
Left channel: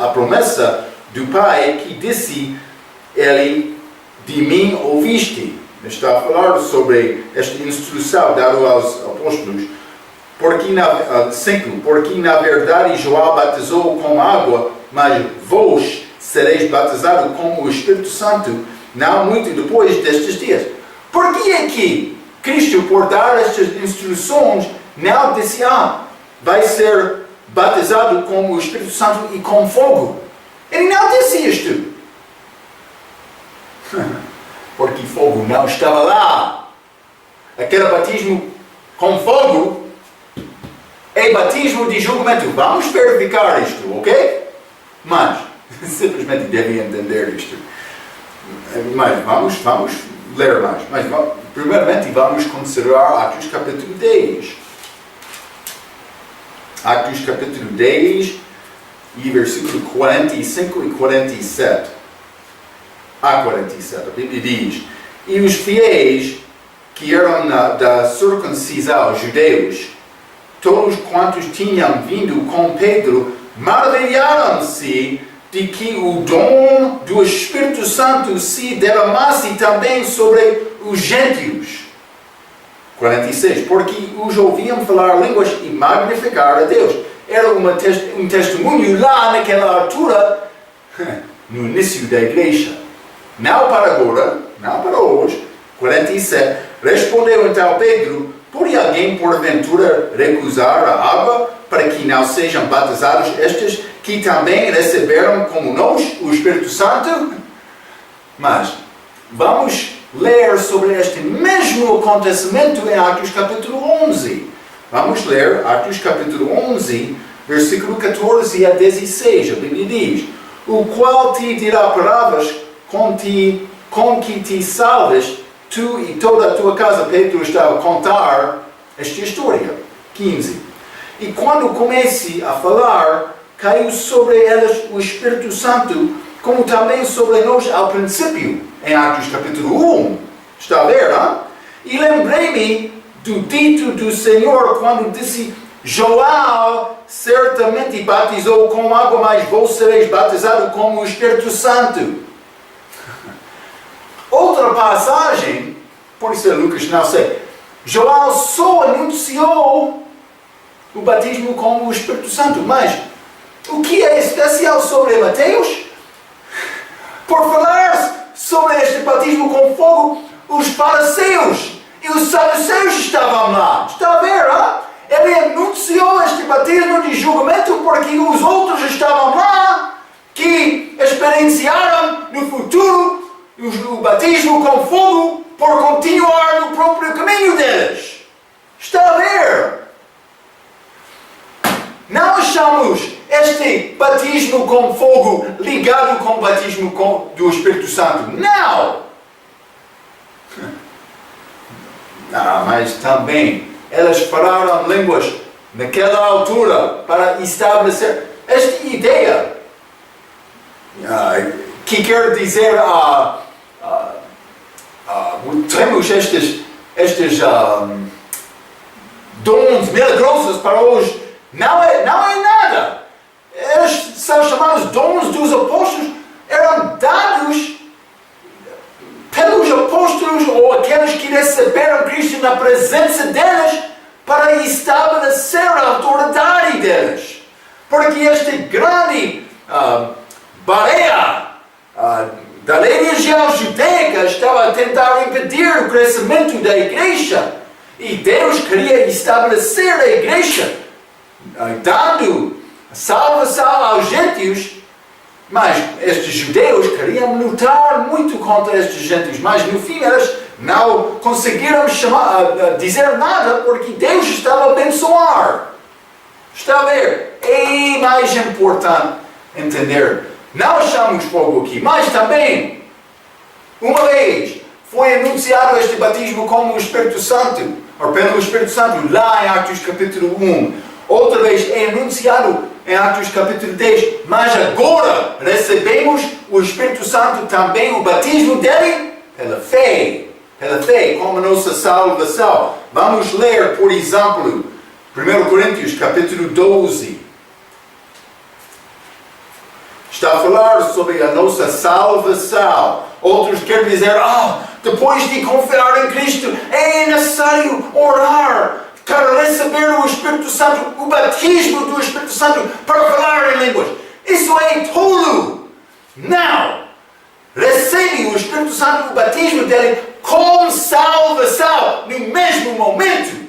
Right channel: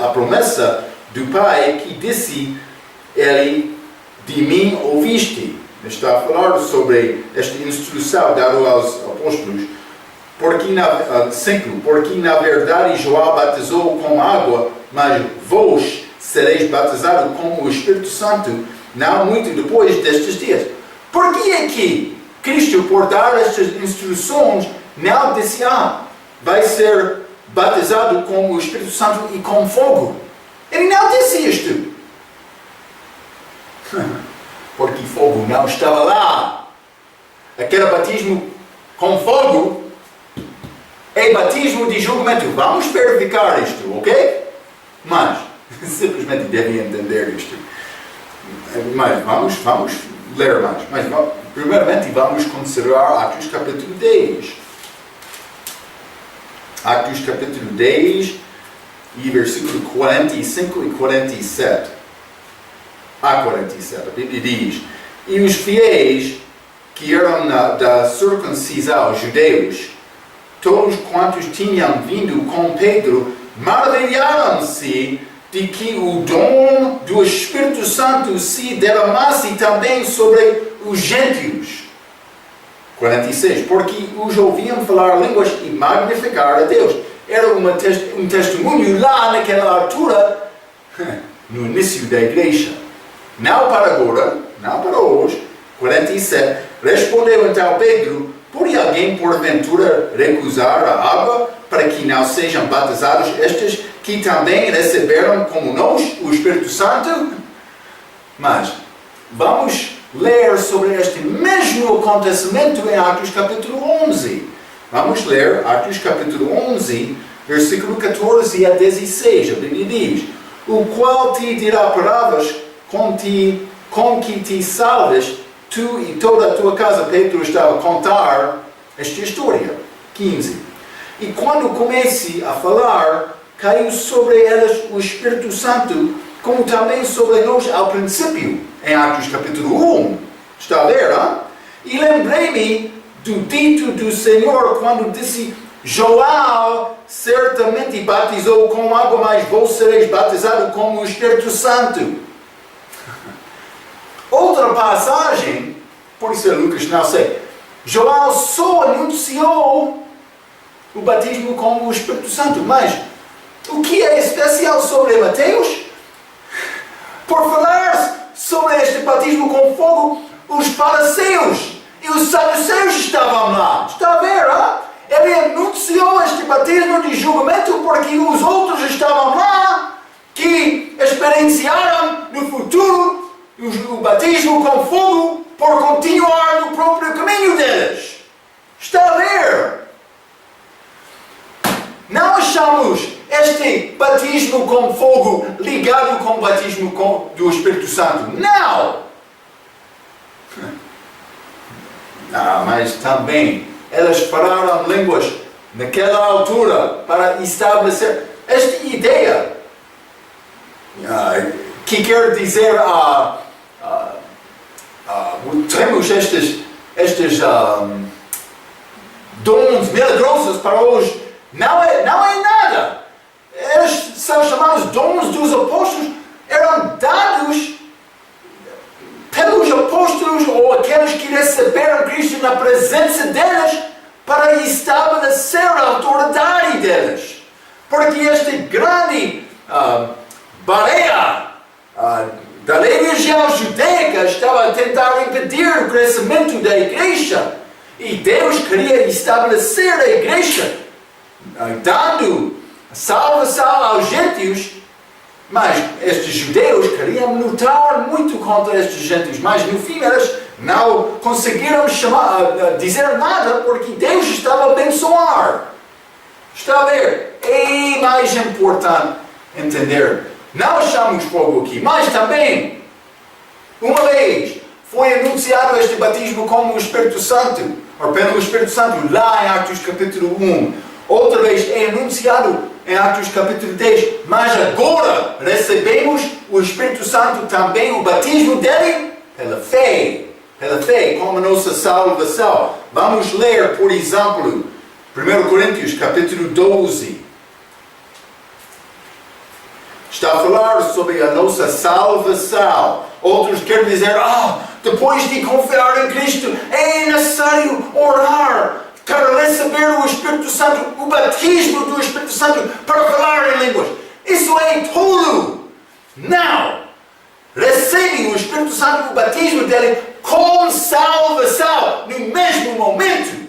a promessa do Pai, que disse: ele de mim ouviste. Está a falar sobre esta instrução dada aos apóstolos. Porque na verdade João batizou com água, mas vós sereis batizados com o Espírito Santo, não muito depois destes dias. Por que é que Cristo, por dar estas instruções, não disse: vai ser batizado com o Espírito Santo e com fogo. Ele não disse isto. Porque fogo não estava lá. Aquele batismo com fogo é batismo de julgamento. Vamos verificar isto, ok? Mas, simplesmente devem entender isto. Mas vamos ler mais. Mas primeiramente vamos considerar Atos capítulo 10. Atos capítulo 10 e versículo 45 e 47. A 47, a Bíblia diz: e os fiéis que eram da circuncisão, judeus, todos quantos tinham vindo com Pedro, maravilharam-se de que o dom do Espírito Santo se derramasse também sobre os gentios. 46. Porque os ouviam falar línguas e magnificar a Deus. Era um testemunho lá naquela altura, no início da igreja. Não para agora, não para hoje. 47. Respondeu então Pedro: pode alguém porventura recusar a água para que não sejam batizados estes que também receberam como nós o Espírito Santo? Mas vamos ler sobre este mesmo acontecimento em Atos capítulo 11. Vamos ler Atos capítulo 11, versículo 14 a 16. A Bíblia diz: o qual te dirá palavras com que te salves, tu e toda a tua casa. Pedro estava a contar esta história. 15. E quando comece a falar, caiu sobre elas o Espírito Santo, como também sobre nós ao princípio, em Atos capítulo 1. Está a ver, hein? E lembrei-me do dito do Senhor, quando disse: João certamente batizou com água, mas vós sereis batizados com o Espírito Santo. Outra passagem, por isso é Lucas, não sei. João só anunciou o batismo com o Espírito Santo, mas o que é especial sobre Mateus? Por falar sobre este batismo com fogo, os fariseus e os saduceus estavam lá. Está a ver, hein? Ele anunciou este batismo de julgamento porque os outros estavam lá, que experienciaram no futuro o batismo com fogo por continuar no próprio caminho deles. Está a ver? Não achamos este batismo com fogo ligado com o batismo do Espírito Santo. Não! Mas também elas falaram línguas naquela altura para estabelecer esta ideia que quer dizer temos estes dons milagrosos para hoje. Não é nada. Eles são chamados dons dos apóstolos. Eram dados pelos apóstolos ou aqueles que receberam Cristo na presença deles para estabelecer a autoridade deles. Porque esta grande baleia da religião judaica estava a tentar impedir o crescimento da igreja. E Deus queria estabelecer a igreja, dando salvação aos gentios. Mas estes judeus queriam lutar muito contra estes gentios. Mas no fim eles não conseguiram dizer nada porque Deus estava a abençoar. Está a ver? É mais importante entender. Não achamos fogo aqui, mas também, uma vez, foi anunciado este batismo como o Espírito Santo, ou pelo Espírito Santo, lá em Atos capítulo 1. Outra vez é anunciado em Atos capítulo 10, mas agora recebemos o Espírito Santo também, o batismo dele, pela fé, como a nossa salvação. Vamos ler, por exemplo, 1 Coríntios capítulo 12. Está a falar sobre a nossa salvação. Outros querem dizer, depois de confiar em Cristo, é necessário orar para receber o Espírito Santo, o batismo do Espírito Santo, para falar em línguas. Isso é tolo. Não. Recebe o Espírito Santo, o batismo dele, com salvação, no mesmo momento.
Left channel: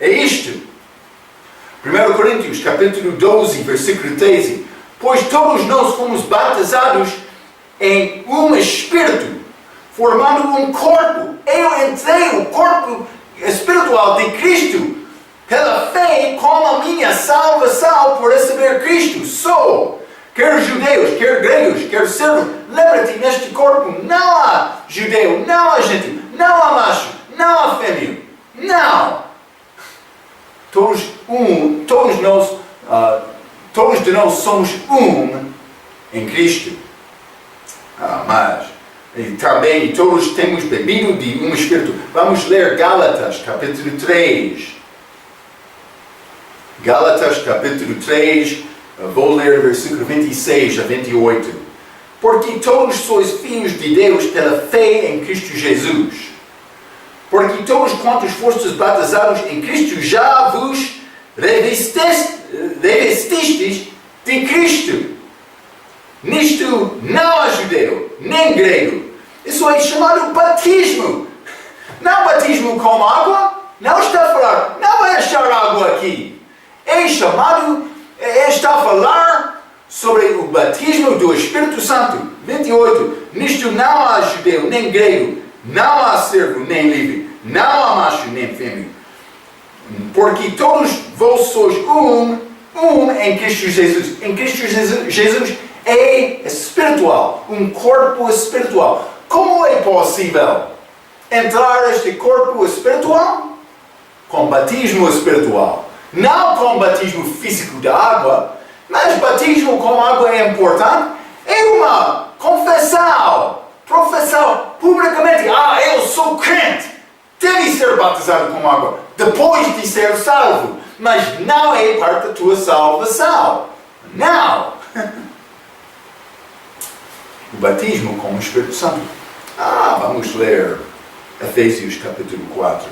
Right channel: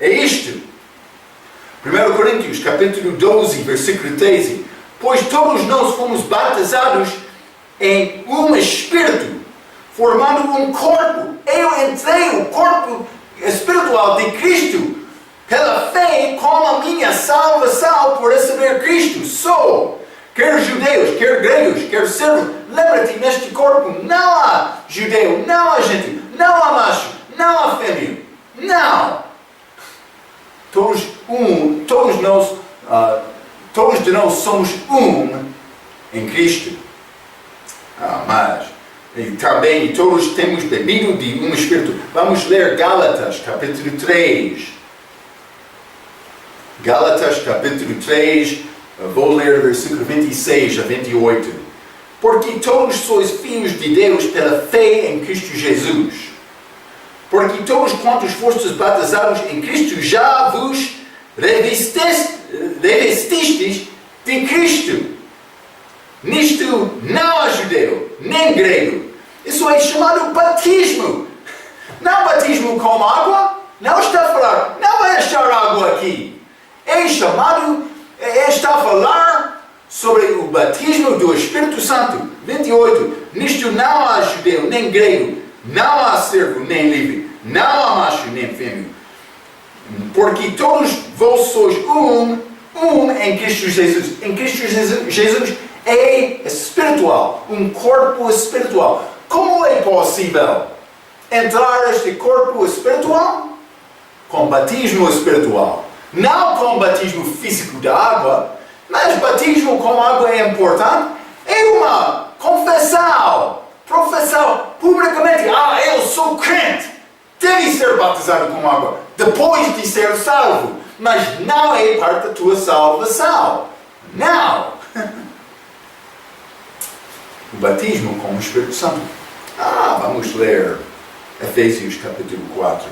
É isto. 1 Coríntios, capítulo 12, versículo 13. Pois todos nós fomos batizados em um Espírito, formando um corpo. Eu entrei o corpo espiritual de Cristo pela fé com a minha salvação por receber Cristo. Sou, quer judeus, quer gregos, quer servos, lembra-te, neste corpo não há judeu, não há gentil, não há macho, não há fêmea. Não! Todos de nós somos em Cristo. Mas também todos temos bebido de um Espírito. Vamos ler Gálatas, capítulo 3. Gálatas, capítulo 3, vou ler versículo 26 a 28. Porque todos sois filhos de Deus pela fé em Cristo Jesus. Porque todos quantos fostes batizados em Cristo já vos revestistes de Cristo. Nisto não há judeu, nem grego. Isso é chamado batismo. Não batismo com água. Não está a falar, não vai achar água aqui. Está a falar sobre o batismo do Espírito Santo. 28. Nisto não há judeu, nem grego. Não há servo, nem livre. Não há macho, nem fêmea. Porque todos vós sois em Cristo Jesus. Em Cristo Jesus é espiritual. Um corpo espiritual. Como é possível entrar neste corpo espiritual? Com batismo espiritual. Não com batismo físico da água, mas batismo com água é importante. É uma confissão. Profissão publicamente. Eu sou crente. Deve ser batizado com água depois de ser salvo. Mas não é parte da tua salvação. Não. O batismo com o Espírito Santo. Vamos ler Efésios capítulo 4.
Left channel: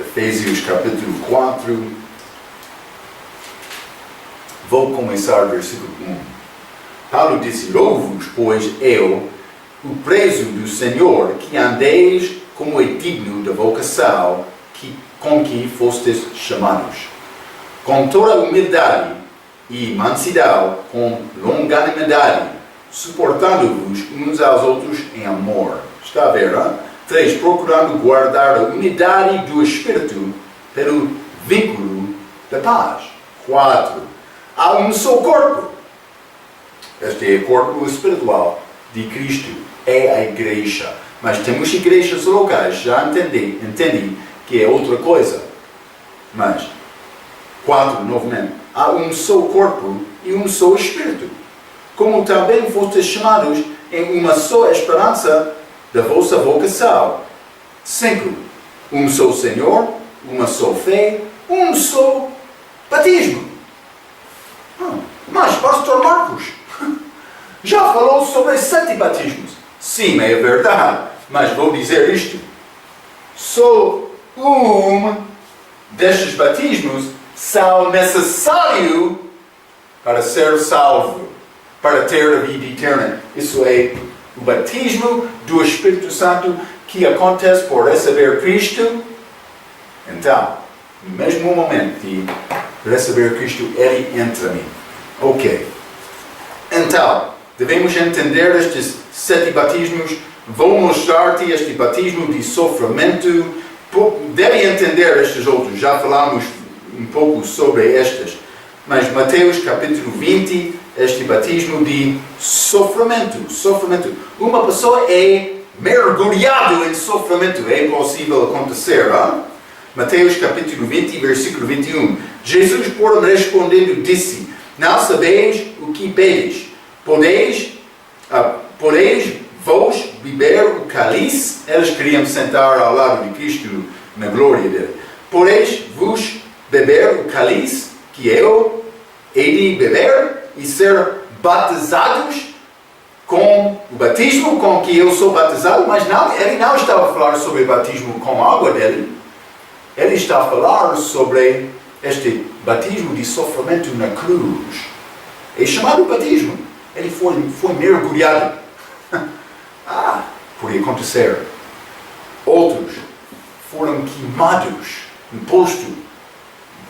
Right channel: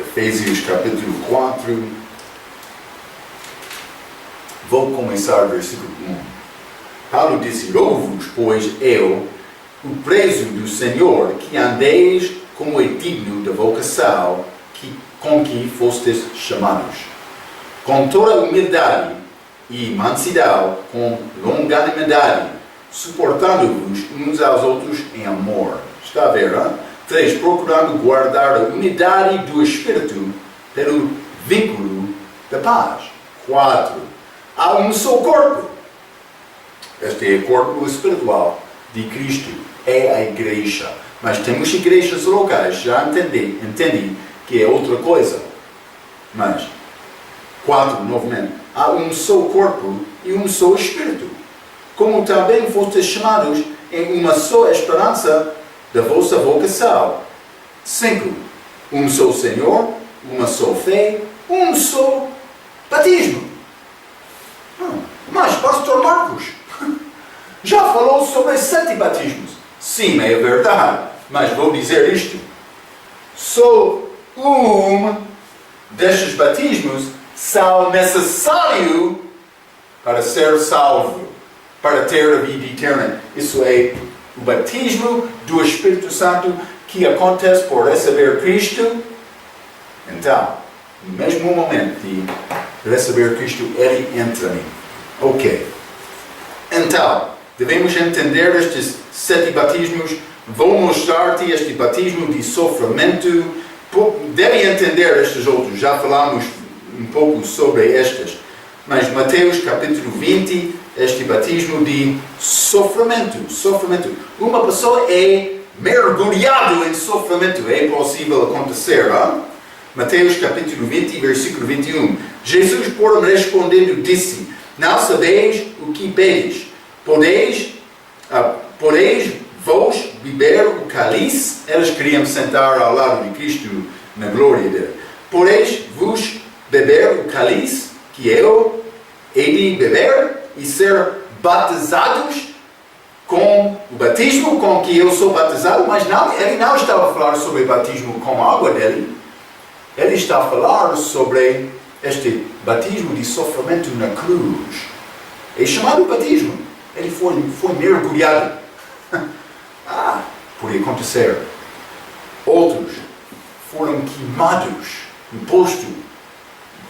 Efésios capítulo 4. Vou começar versículo 1. Paulo disse: Louvo-vos, pois eu, o preso do Senhor, que andeis como é digno da vocação com que fostes chamados, com toda humildade e mansidão, com longanimidade, suportando-vos uns aos outros em amor. Está a ver, não? 3. Procurando guardar a unidade do Espírito pelo vínculo da paz. 4. Há um só corpo. Este é o corpo espiritual de Cristo. É a igreja. Mas temos igrejas locais. Já entendi que é outra coisa. Mas, 4, novamente. Há um só corpo e um só Espírito. Como também fostes chamados em uma só esperança da vossa vocação. 5. Um só Senhor, uma só fé, um só batismo. Mas, pastor Marcos, já falou sobre 7 batismos. Sim, é verdade. Mas vou dizer isto. Só destes batismos são necessários para ser salvo, para ter a vida eterna. Isso é o batismo do Espírito Santo que acontece por receber Cristo. Então, no mesmo momento de receber Cristo, Ele entra em mim. Ok. Então, devemos entender estes 7 batismos. Vou mostrar-te este batismo de sofrimento. Deve entender estes outros. Já falamos um pouco sobre estes. Mas Mateus capítulo 20, este batismo de sofrimento. Sofrimento. Uma pessoa é mergulhado em sofrimento. É possível acontecer, não? Mateus capítulo 20, versículo 21. Jesus, porém, respondendo, disse: Não sabeis o que pedes. Podeis vós beber o cálice? Eles queriam sentar ao lado de Cristo na glória dele. Podeis vos beber o cálice que eu hei de beber e ser batizados com o batismo com que eu sou batizado? Mas não, ele não estava a falar sobre o batismo com a água dele. Ele está a falar sobre este batismo de sofrimento na cruz. É chamado batismo. Ele foi mergulhado. Podia acontecer. Outros foram queimados no posto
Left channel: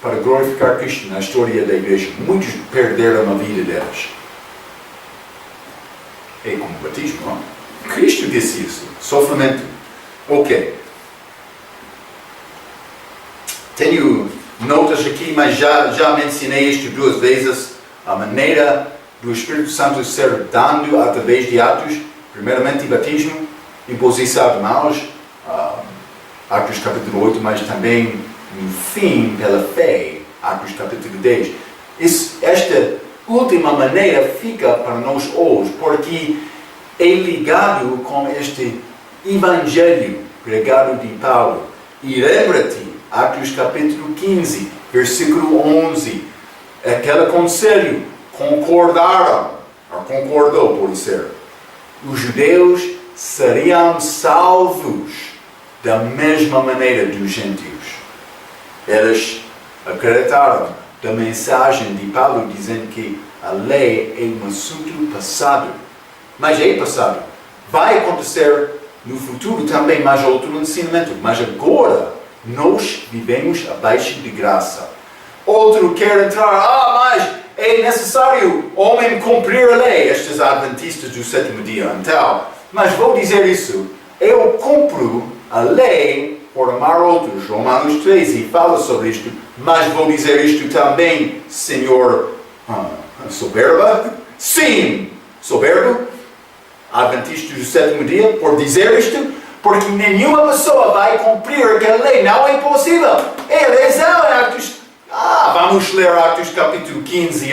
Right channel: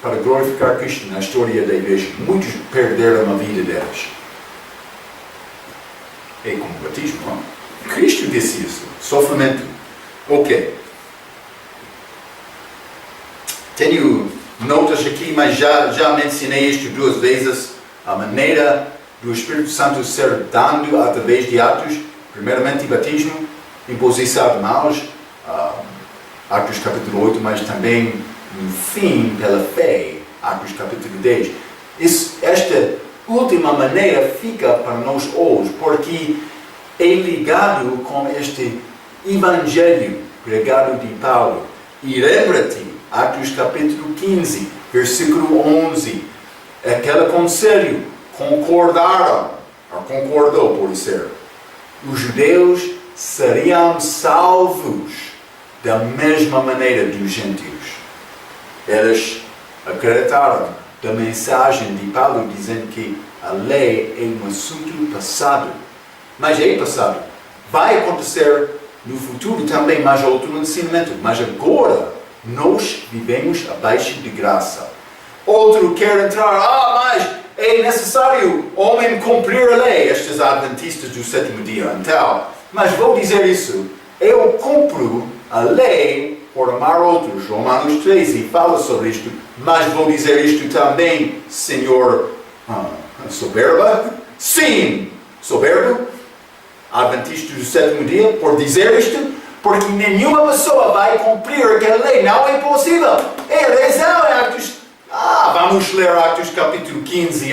para glorificar Cristo na história da igreja. Muitos perderam a vida deles. É como o batismo, não? Cristo disse isso. Sofrimento. Ok. Tenho notas aqui, mas já mencionei isto 2 vezes. A maneira do Espírito Santo ser dado através de Atos. Primeiramente, batismo, imposição de mãos. Atos capítulo 8, mas também no fim, pela fé. Atos capítulo 10. Esta última maneira fica para nós hoje, porque é ligado com este Evangelho pregado de Paulo. E lembra-te, Atos capítulo 15, versículo 11, aquele conselho, concordou, por ser, os judeus seriam salvos da mesma maneira dos gentios. Eles acreditaram da mensagem de Paulo dizendo que a lei é um assunto passado. Mas é passado. Vai acontecer no futuro também mais outro ensinamento. Mas agora nós vivemos abaixo de graça. Outro quer entrar, mas é necessário homem cumprir a lei. Estes adventistas do sétimo dia. Então, mas vou dizer isso. Eu cumpro a lei por amar outros. Romanos 13 fala sobre isto. Mas vou dizer isto também, Senhor, soberba? Sim, soberbo. Adventista do sétimo dia, por dizer isto, porque nenhuma pessoa vai cumprir aquela lei. Não é possível. É razão, Atos. Vamos ler Atos capítulo 15.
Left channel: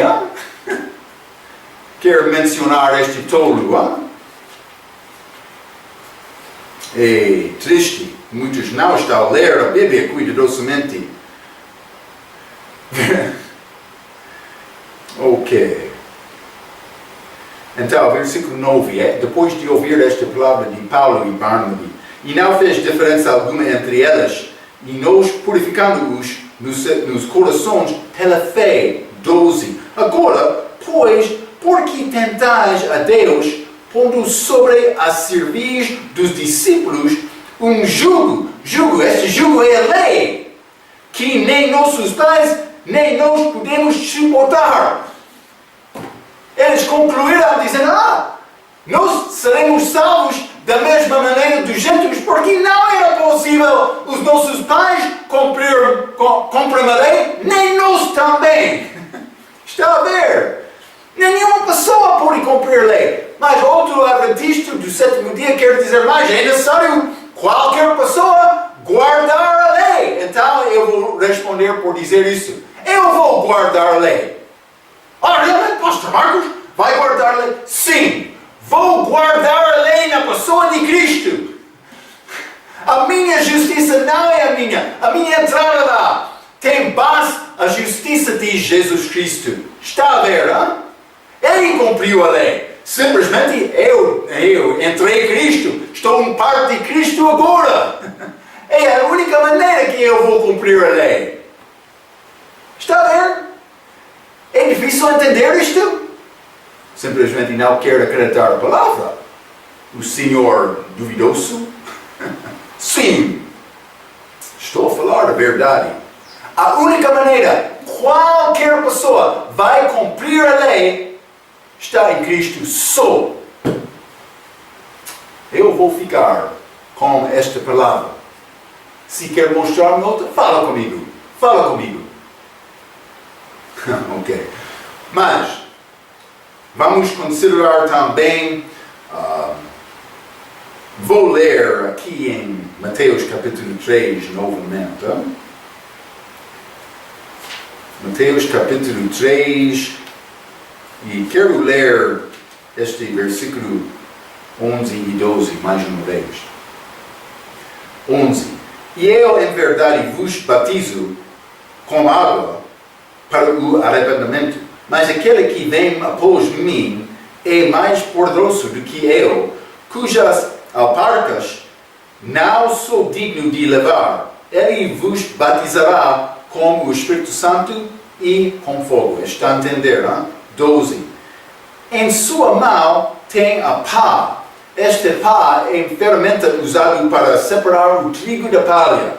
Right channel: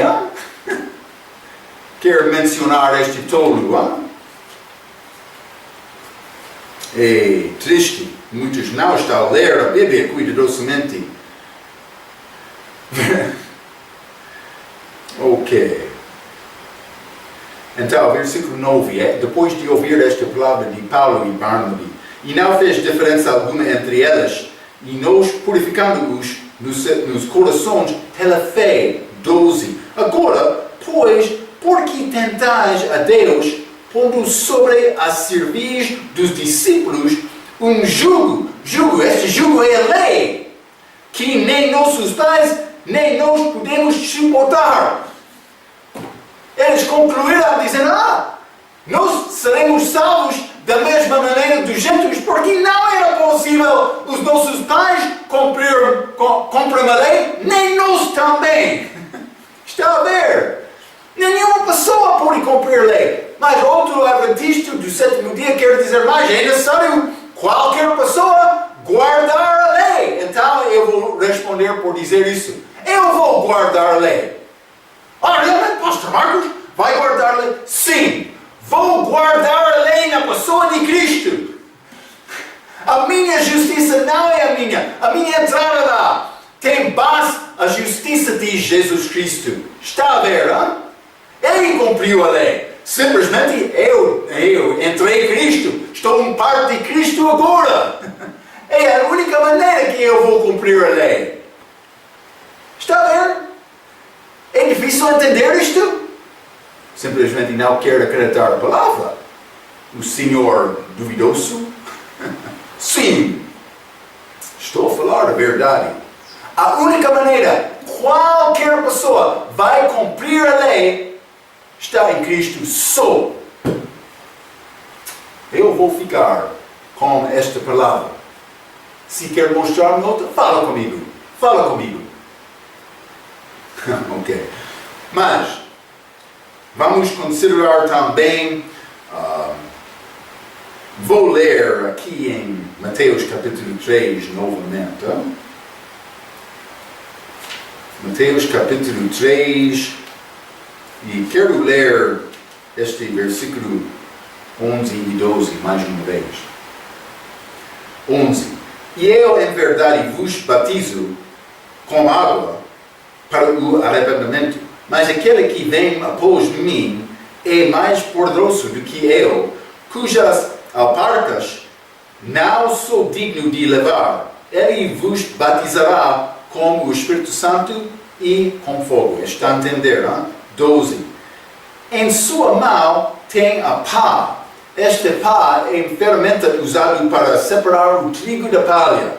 Quero mencionar este tolo. É triste. Muitos não estão a ler a Bíblia cuidadosamente. Ok. Então, versículo 9, depois de ouvir esta palavra de Paulo e Barnabé, e não fez diferença alguma entre elas, e nós purificando-os nos corações pela fé. 12. Agora, pois, por que tentais a Deus, pondo sobre a cerviz dos discípulos um jugo? Este jugo é a lei, que nem nossos pais, nem nós podemos suportar. Eles concluíram dizendo, nós seremos salvos da mesma maneira dos gentios, porque não era possível os nossos pais cumprir a lei, nem nós também. Está a ver? Nenhuma pessoa pode cumprir a lei. Mas outro adventista do sétimo dia quer dizer mais, é necessário qualquer pessoa guardar a lei. Então eu vou responder por dizer isso. Eu vou guardar a lei. Realmente, Pastor Marcos, vai guardar a lei? Sim, vou guardar a lei na pessoa de Cristo. A minha justiça não é a minha entrada lá tem base a justiça de Jesus Cristo. Está a ver, Ele cumpriu a lei. Simplesmente eu entrei em Cristo, estou em parte de Cristo agora. É a única maneira que eu vou cumprir a lei. Está a ver? É difícil entender isto? Simplesmente não quer acreditar a palavra. O Senhor duvidoso? Sim. Estou a falar a verdade. A única maneira qualquer pessoa vai cumprir a lei está em Cristo só. Eu vou ficar com esta palavra. Se quer mostrar-me outra, fala comigo. Fala comigo. Ok. Mas, vamos considerar também, vou ler aqui em Mateus capítulo 3 novamente. Mateus capítulo 3, e quero ler este versículo 11 e 12 mais uma vez. 11. E eu em verdade vos batizo com água para o arrependimento, mas aquele que vem após mim é mais poderoso do que eu, cujas alparcas não sou digno de levar. Ele vos batizará com o Espírito Santo e com fogo. Está a entender? 12. Em sua mão tem a pá. Esta pá é ferramenta usada para separar o trigo da palha.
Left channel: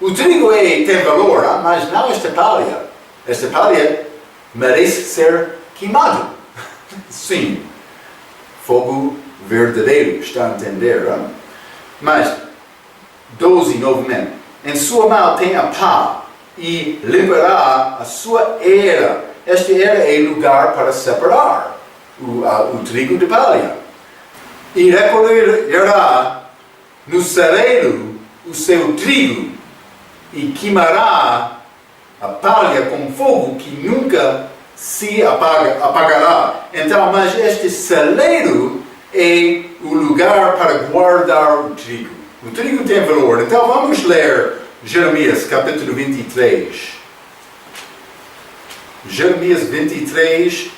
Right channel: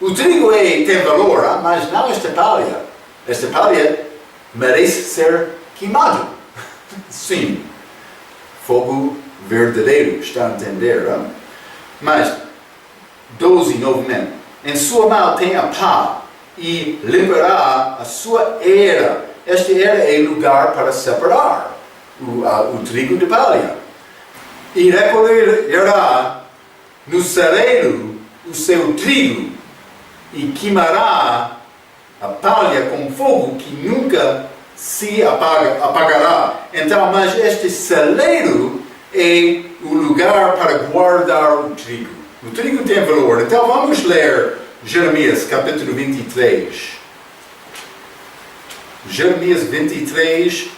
O trigo tem valor, mas não esta palha. Esta palha merece ser queimado. Sim, fogo verdadeiro, está a entender? Mas, 12 novamente. Em sua mão tem a pá e limpará a sua era. Esta era é lugar para separar o trigo de palha. E recolherá no celeiro o seu trigo e queimará a palha com fogo que nunca se apagará. Então, mas este celeiro é o lugar para guardar o trigo. O trigo tem valor. Então vamos ler Jeremias capítulo 23. Jeremias 23.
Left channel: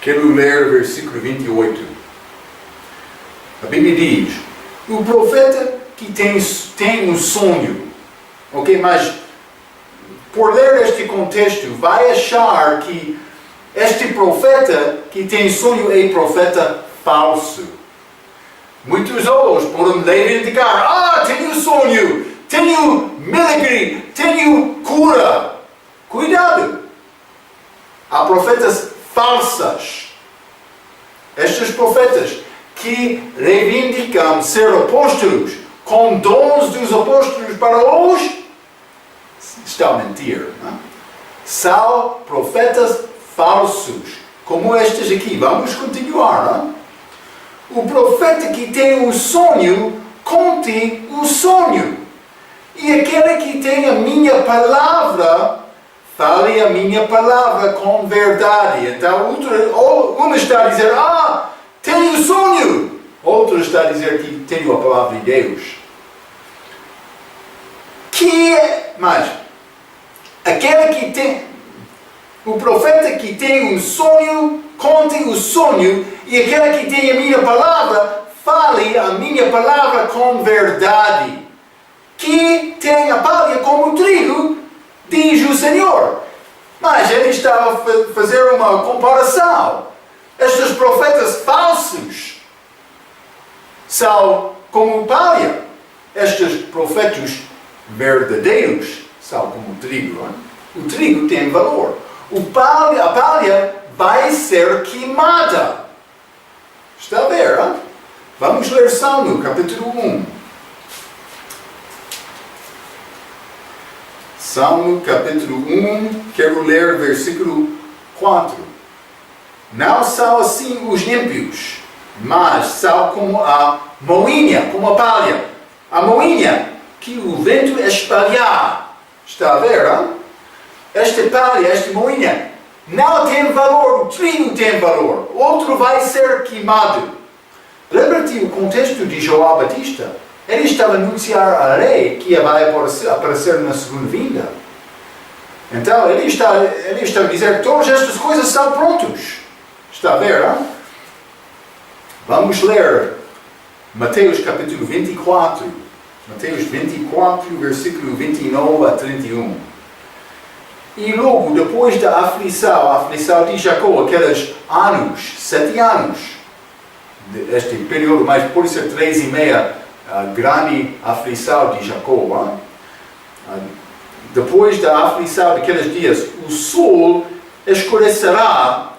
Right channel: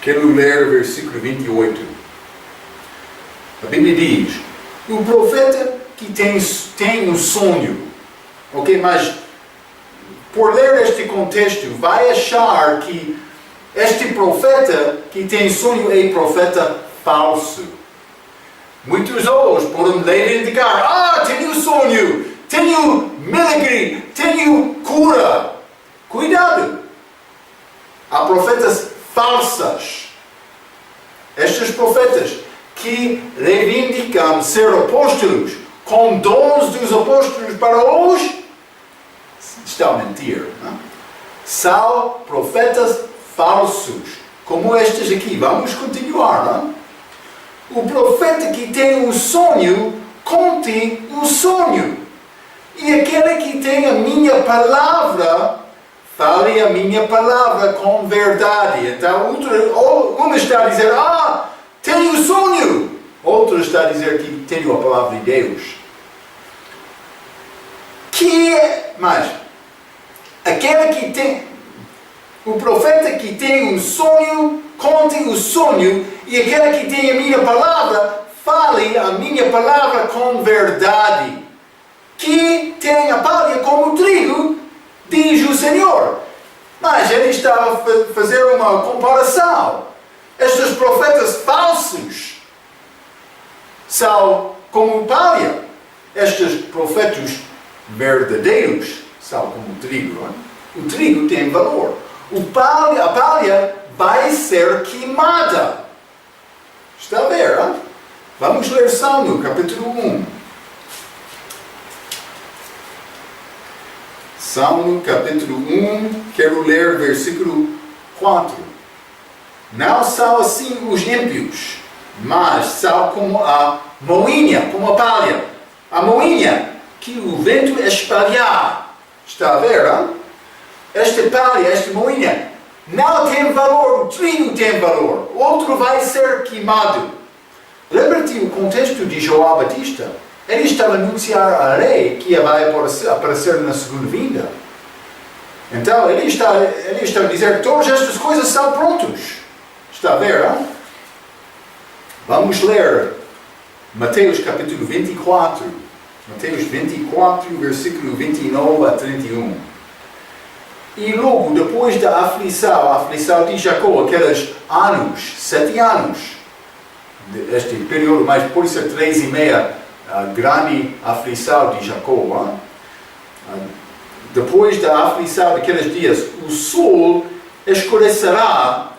Quero ler o versículo 28. A Bíblia diz: o profeta que tem um sonho, ok? Mas por ler este contexto, vai achar que este profeta que tem sonho é profeta falso. Muitos outros podem reivindicar: tenho sonho, tenho milagre, tenho cura. Cuidado! Há profetas falsas. Estes profetas que reivindicam ser apóstolos com dons dos apóstolos para hoje estão a mentir. Não? São profetas falsos, como estes aqui. Vamos continuar. Não? O profeta que tem um sonho, conte o sonho. E aquele que tem a minha palavra, fale a minha palavra com verdade. Então, um está a dizer: tenho um sonho. Outro está a dizer que tenho a palavra de Deus. Mas, aquele que tem, o profeta que tem um sonho, conte o sonho. E aquele que tem a minha palavra, fale a minha palavra com verdade. Que tem a palha como o trigo, diz o Senhor. Mas ele estava a fazer uma comparação. Estes profetas falsos são como palha. Estes profetas verdadeiros são como o trigo. Não? O trigo tem valor. A palha vai ser queimada. Está a ver? Não? Vamos ler Salmo, capítulo 1. Salmo capítulo 1, quero ler versículo 4. Não são assim os ímpios, mas são como a moinha, como a palha. A moinha que o vento espalhar. Está a ver? Não? Esta palha, esta moinha, não tem valor, o trigo tem valor. Outro vai ser queimado. Lembra-te o contexto de João Batista? Ele estava a anunciar a rei que vai aparecer na segunda vinda. Então, ele está a dizer que todas estas coisas são prontas. Está a ver, não? Vamos ler Mateus capítulo 24. Mateus 24, versículo 29 a 31. E logo depois da aflição, a aflição de Jacó, aqueles anos, 7 anos, este período, mas pode ser 3,5, a grande aflição de Jacó. Depois da aflição daqueles dias, o sol escurecerá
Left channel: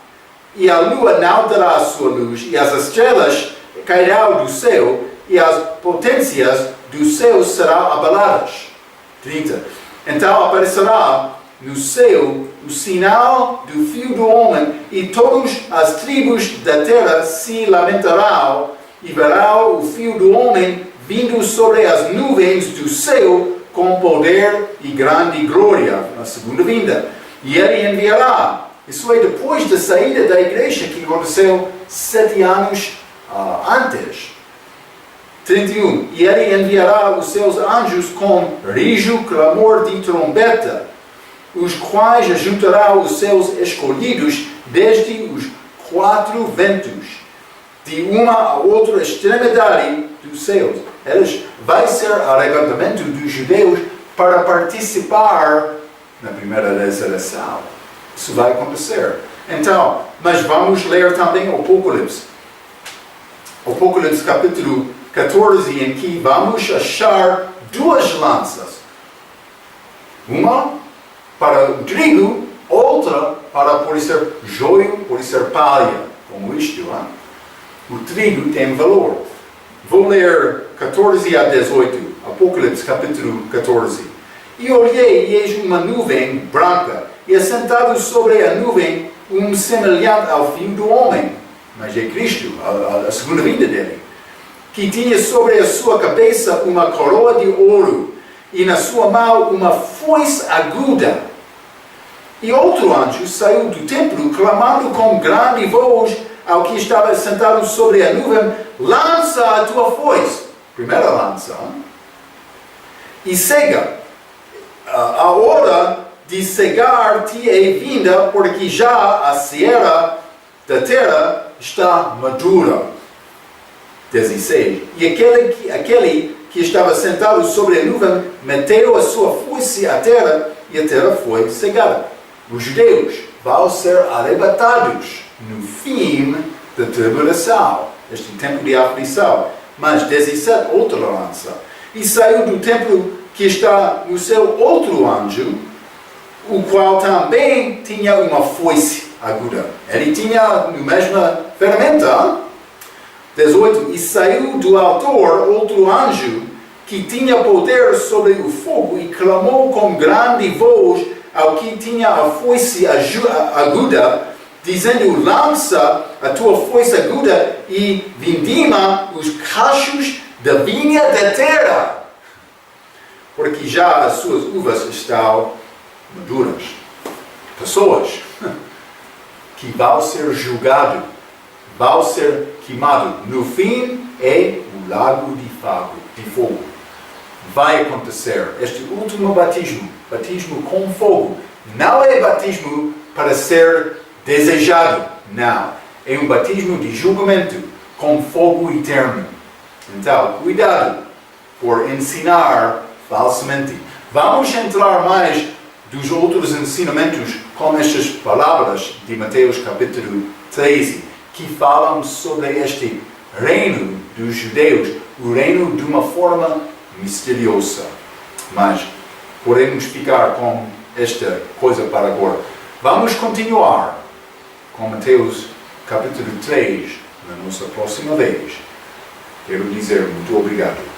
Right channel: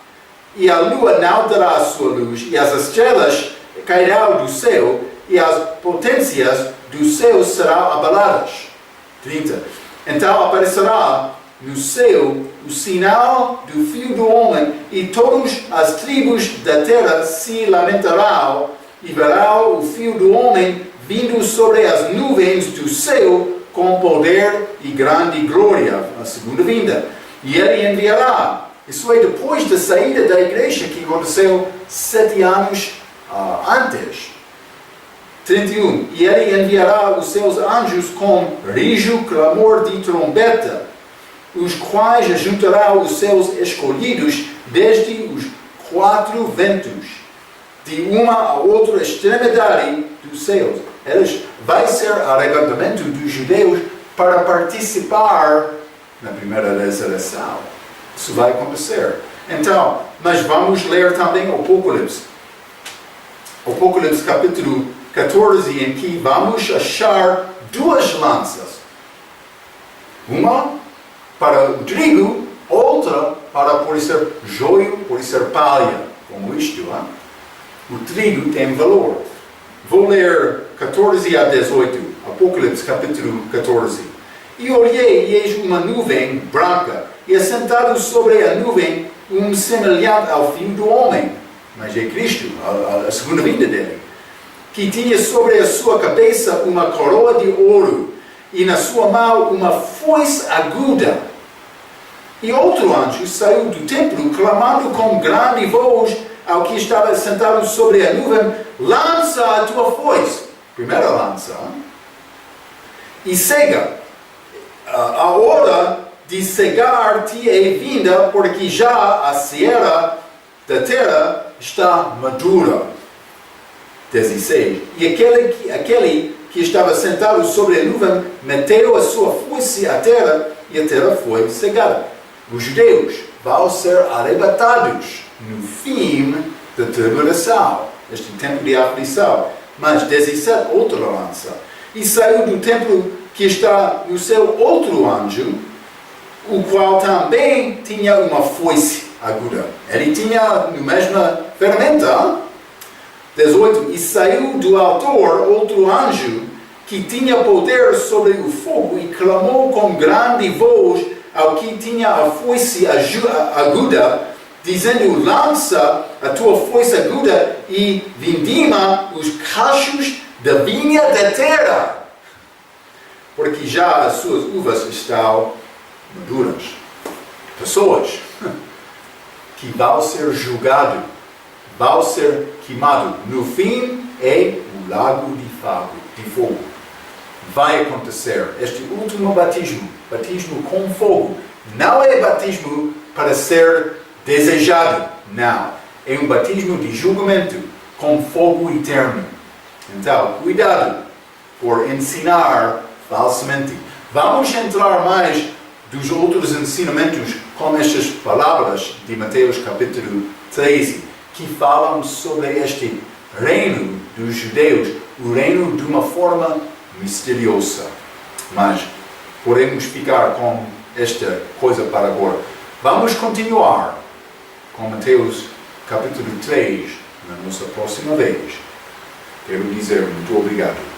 e a lua não dará a sua luz, e as estrelas cairão do céu, e as potências do céu serão abaladas. 30. Então aparecerá no céu o sinal do Filho do Homem, e todas as tribos da terra se lamentarão, e verão o Filho do Homem vindo sobre as nuvens do céu com poder e grande glória, a segunda vinda. E ele enviará, isso é depois da saída da igreja que aconteceu 7 anos antes. 31. E ele enviará os seus anjos com rijo, clamor de trombeta, os quais ajuntarão os seus escolhidos desde os 4 ventos, de uma a outra extremidade dos céus. Vai ser arrebatamento dos judeus para participar na primeira ressurreição. Isso vai acontecer. Então, mas vamos ler também o Apocalipse. Apocalipse 14, em que vamos achar duas lanças. Uma para o trigo, outra para pode ser joio, pode ser palha, como isto. Hein? O trigo tem valor. Vou ler 14 a 18, Apocalipse capítulo 14. E olhei, e eis uma nuvem branca, e assentado sobre a nuvem, semelhante ao Filho do Homem, mas é Cristo, a segunda vinda dele, que tinha sobre a sua cabeça uma coroa de ouro, e na sua mão uma foice aguda. E outro anjo saiu do templo, clamando com grande voz ao que estava sentado sobre a nuvem: lança a tua foice. Primeira lança. Hein? E cega. A hora de cegar te é vinda, porque já a cera da terra está madura. 16. E aquele que estava sentado sobre a nuvem meteu a sua foice à terra, e a terra foi cegada. Os judeus vão ser arrebatados no fim da tribulação, este tempo de aflição. Mas 17, outra lança. E saiu do templo que está no céu outro anjo, o qual também tinha uma foice aguda. Ele tinha a mesma ferramenta. 18. E saiu do altar outro anjo, que tinha poder sobre o fogo, e clamou com grande voz ao que tinha a foice aguda, dizendo: lança a tua foice aguda e vindima os cachos da vinha da terra, porque já as suas uvas estão maduras. Pessoas que vão ser julgadas, vão ser queimadas. No fim é o lago de fogo. Vai acontecer este último batismo, batismo com fogo. Não é batismo para ser desejado, não. É um batismo de julgamento com fogo eterno. Então, cuidado por ensinar falsamente. Vamos entrar mais dos outros ensinamentos com estas palavras de Mateus capítulo 13, que falam sobre este reino dos judeus, o reino de uma forma misteriosa. Mas podemos ficar com esta coisa para agora. Vamos continuar com Mateus capítulo 3 na nossa próxima vez. Quero dizer muito obrigado.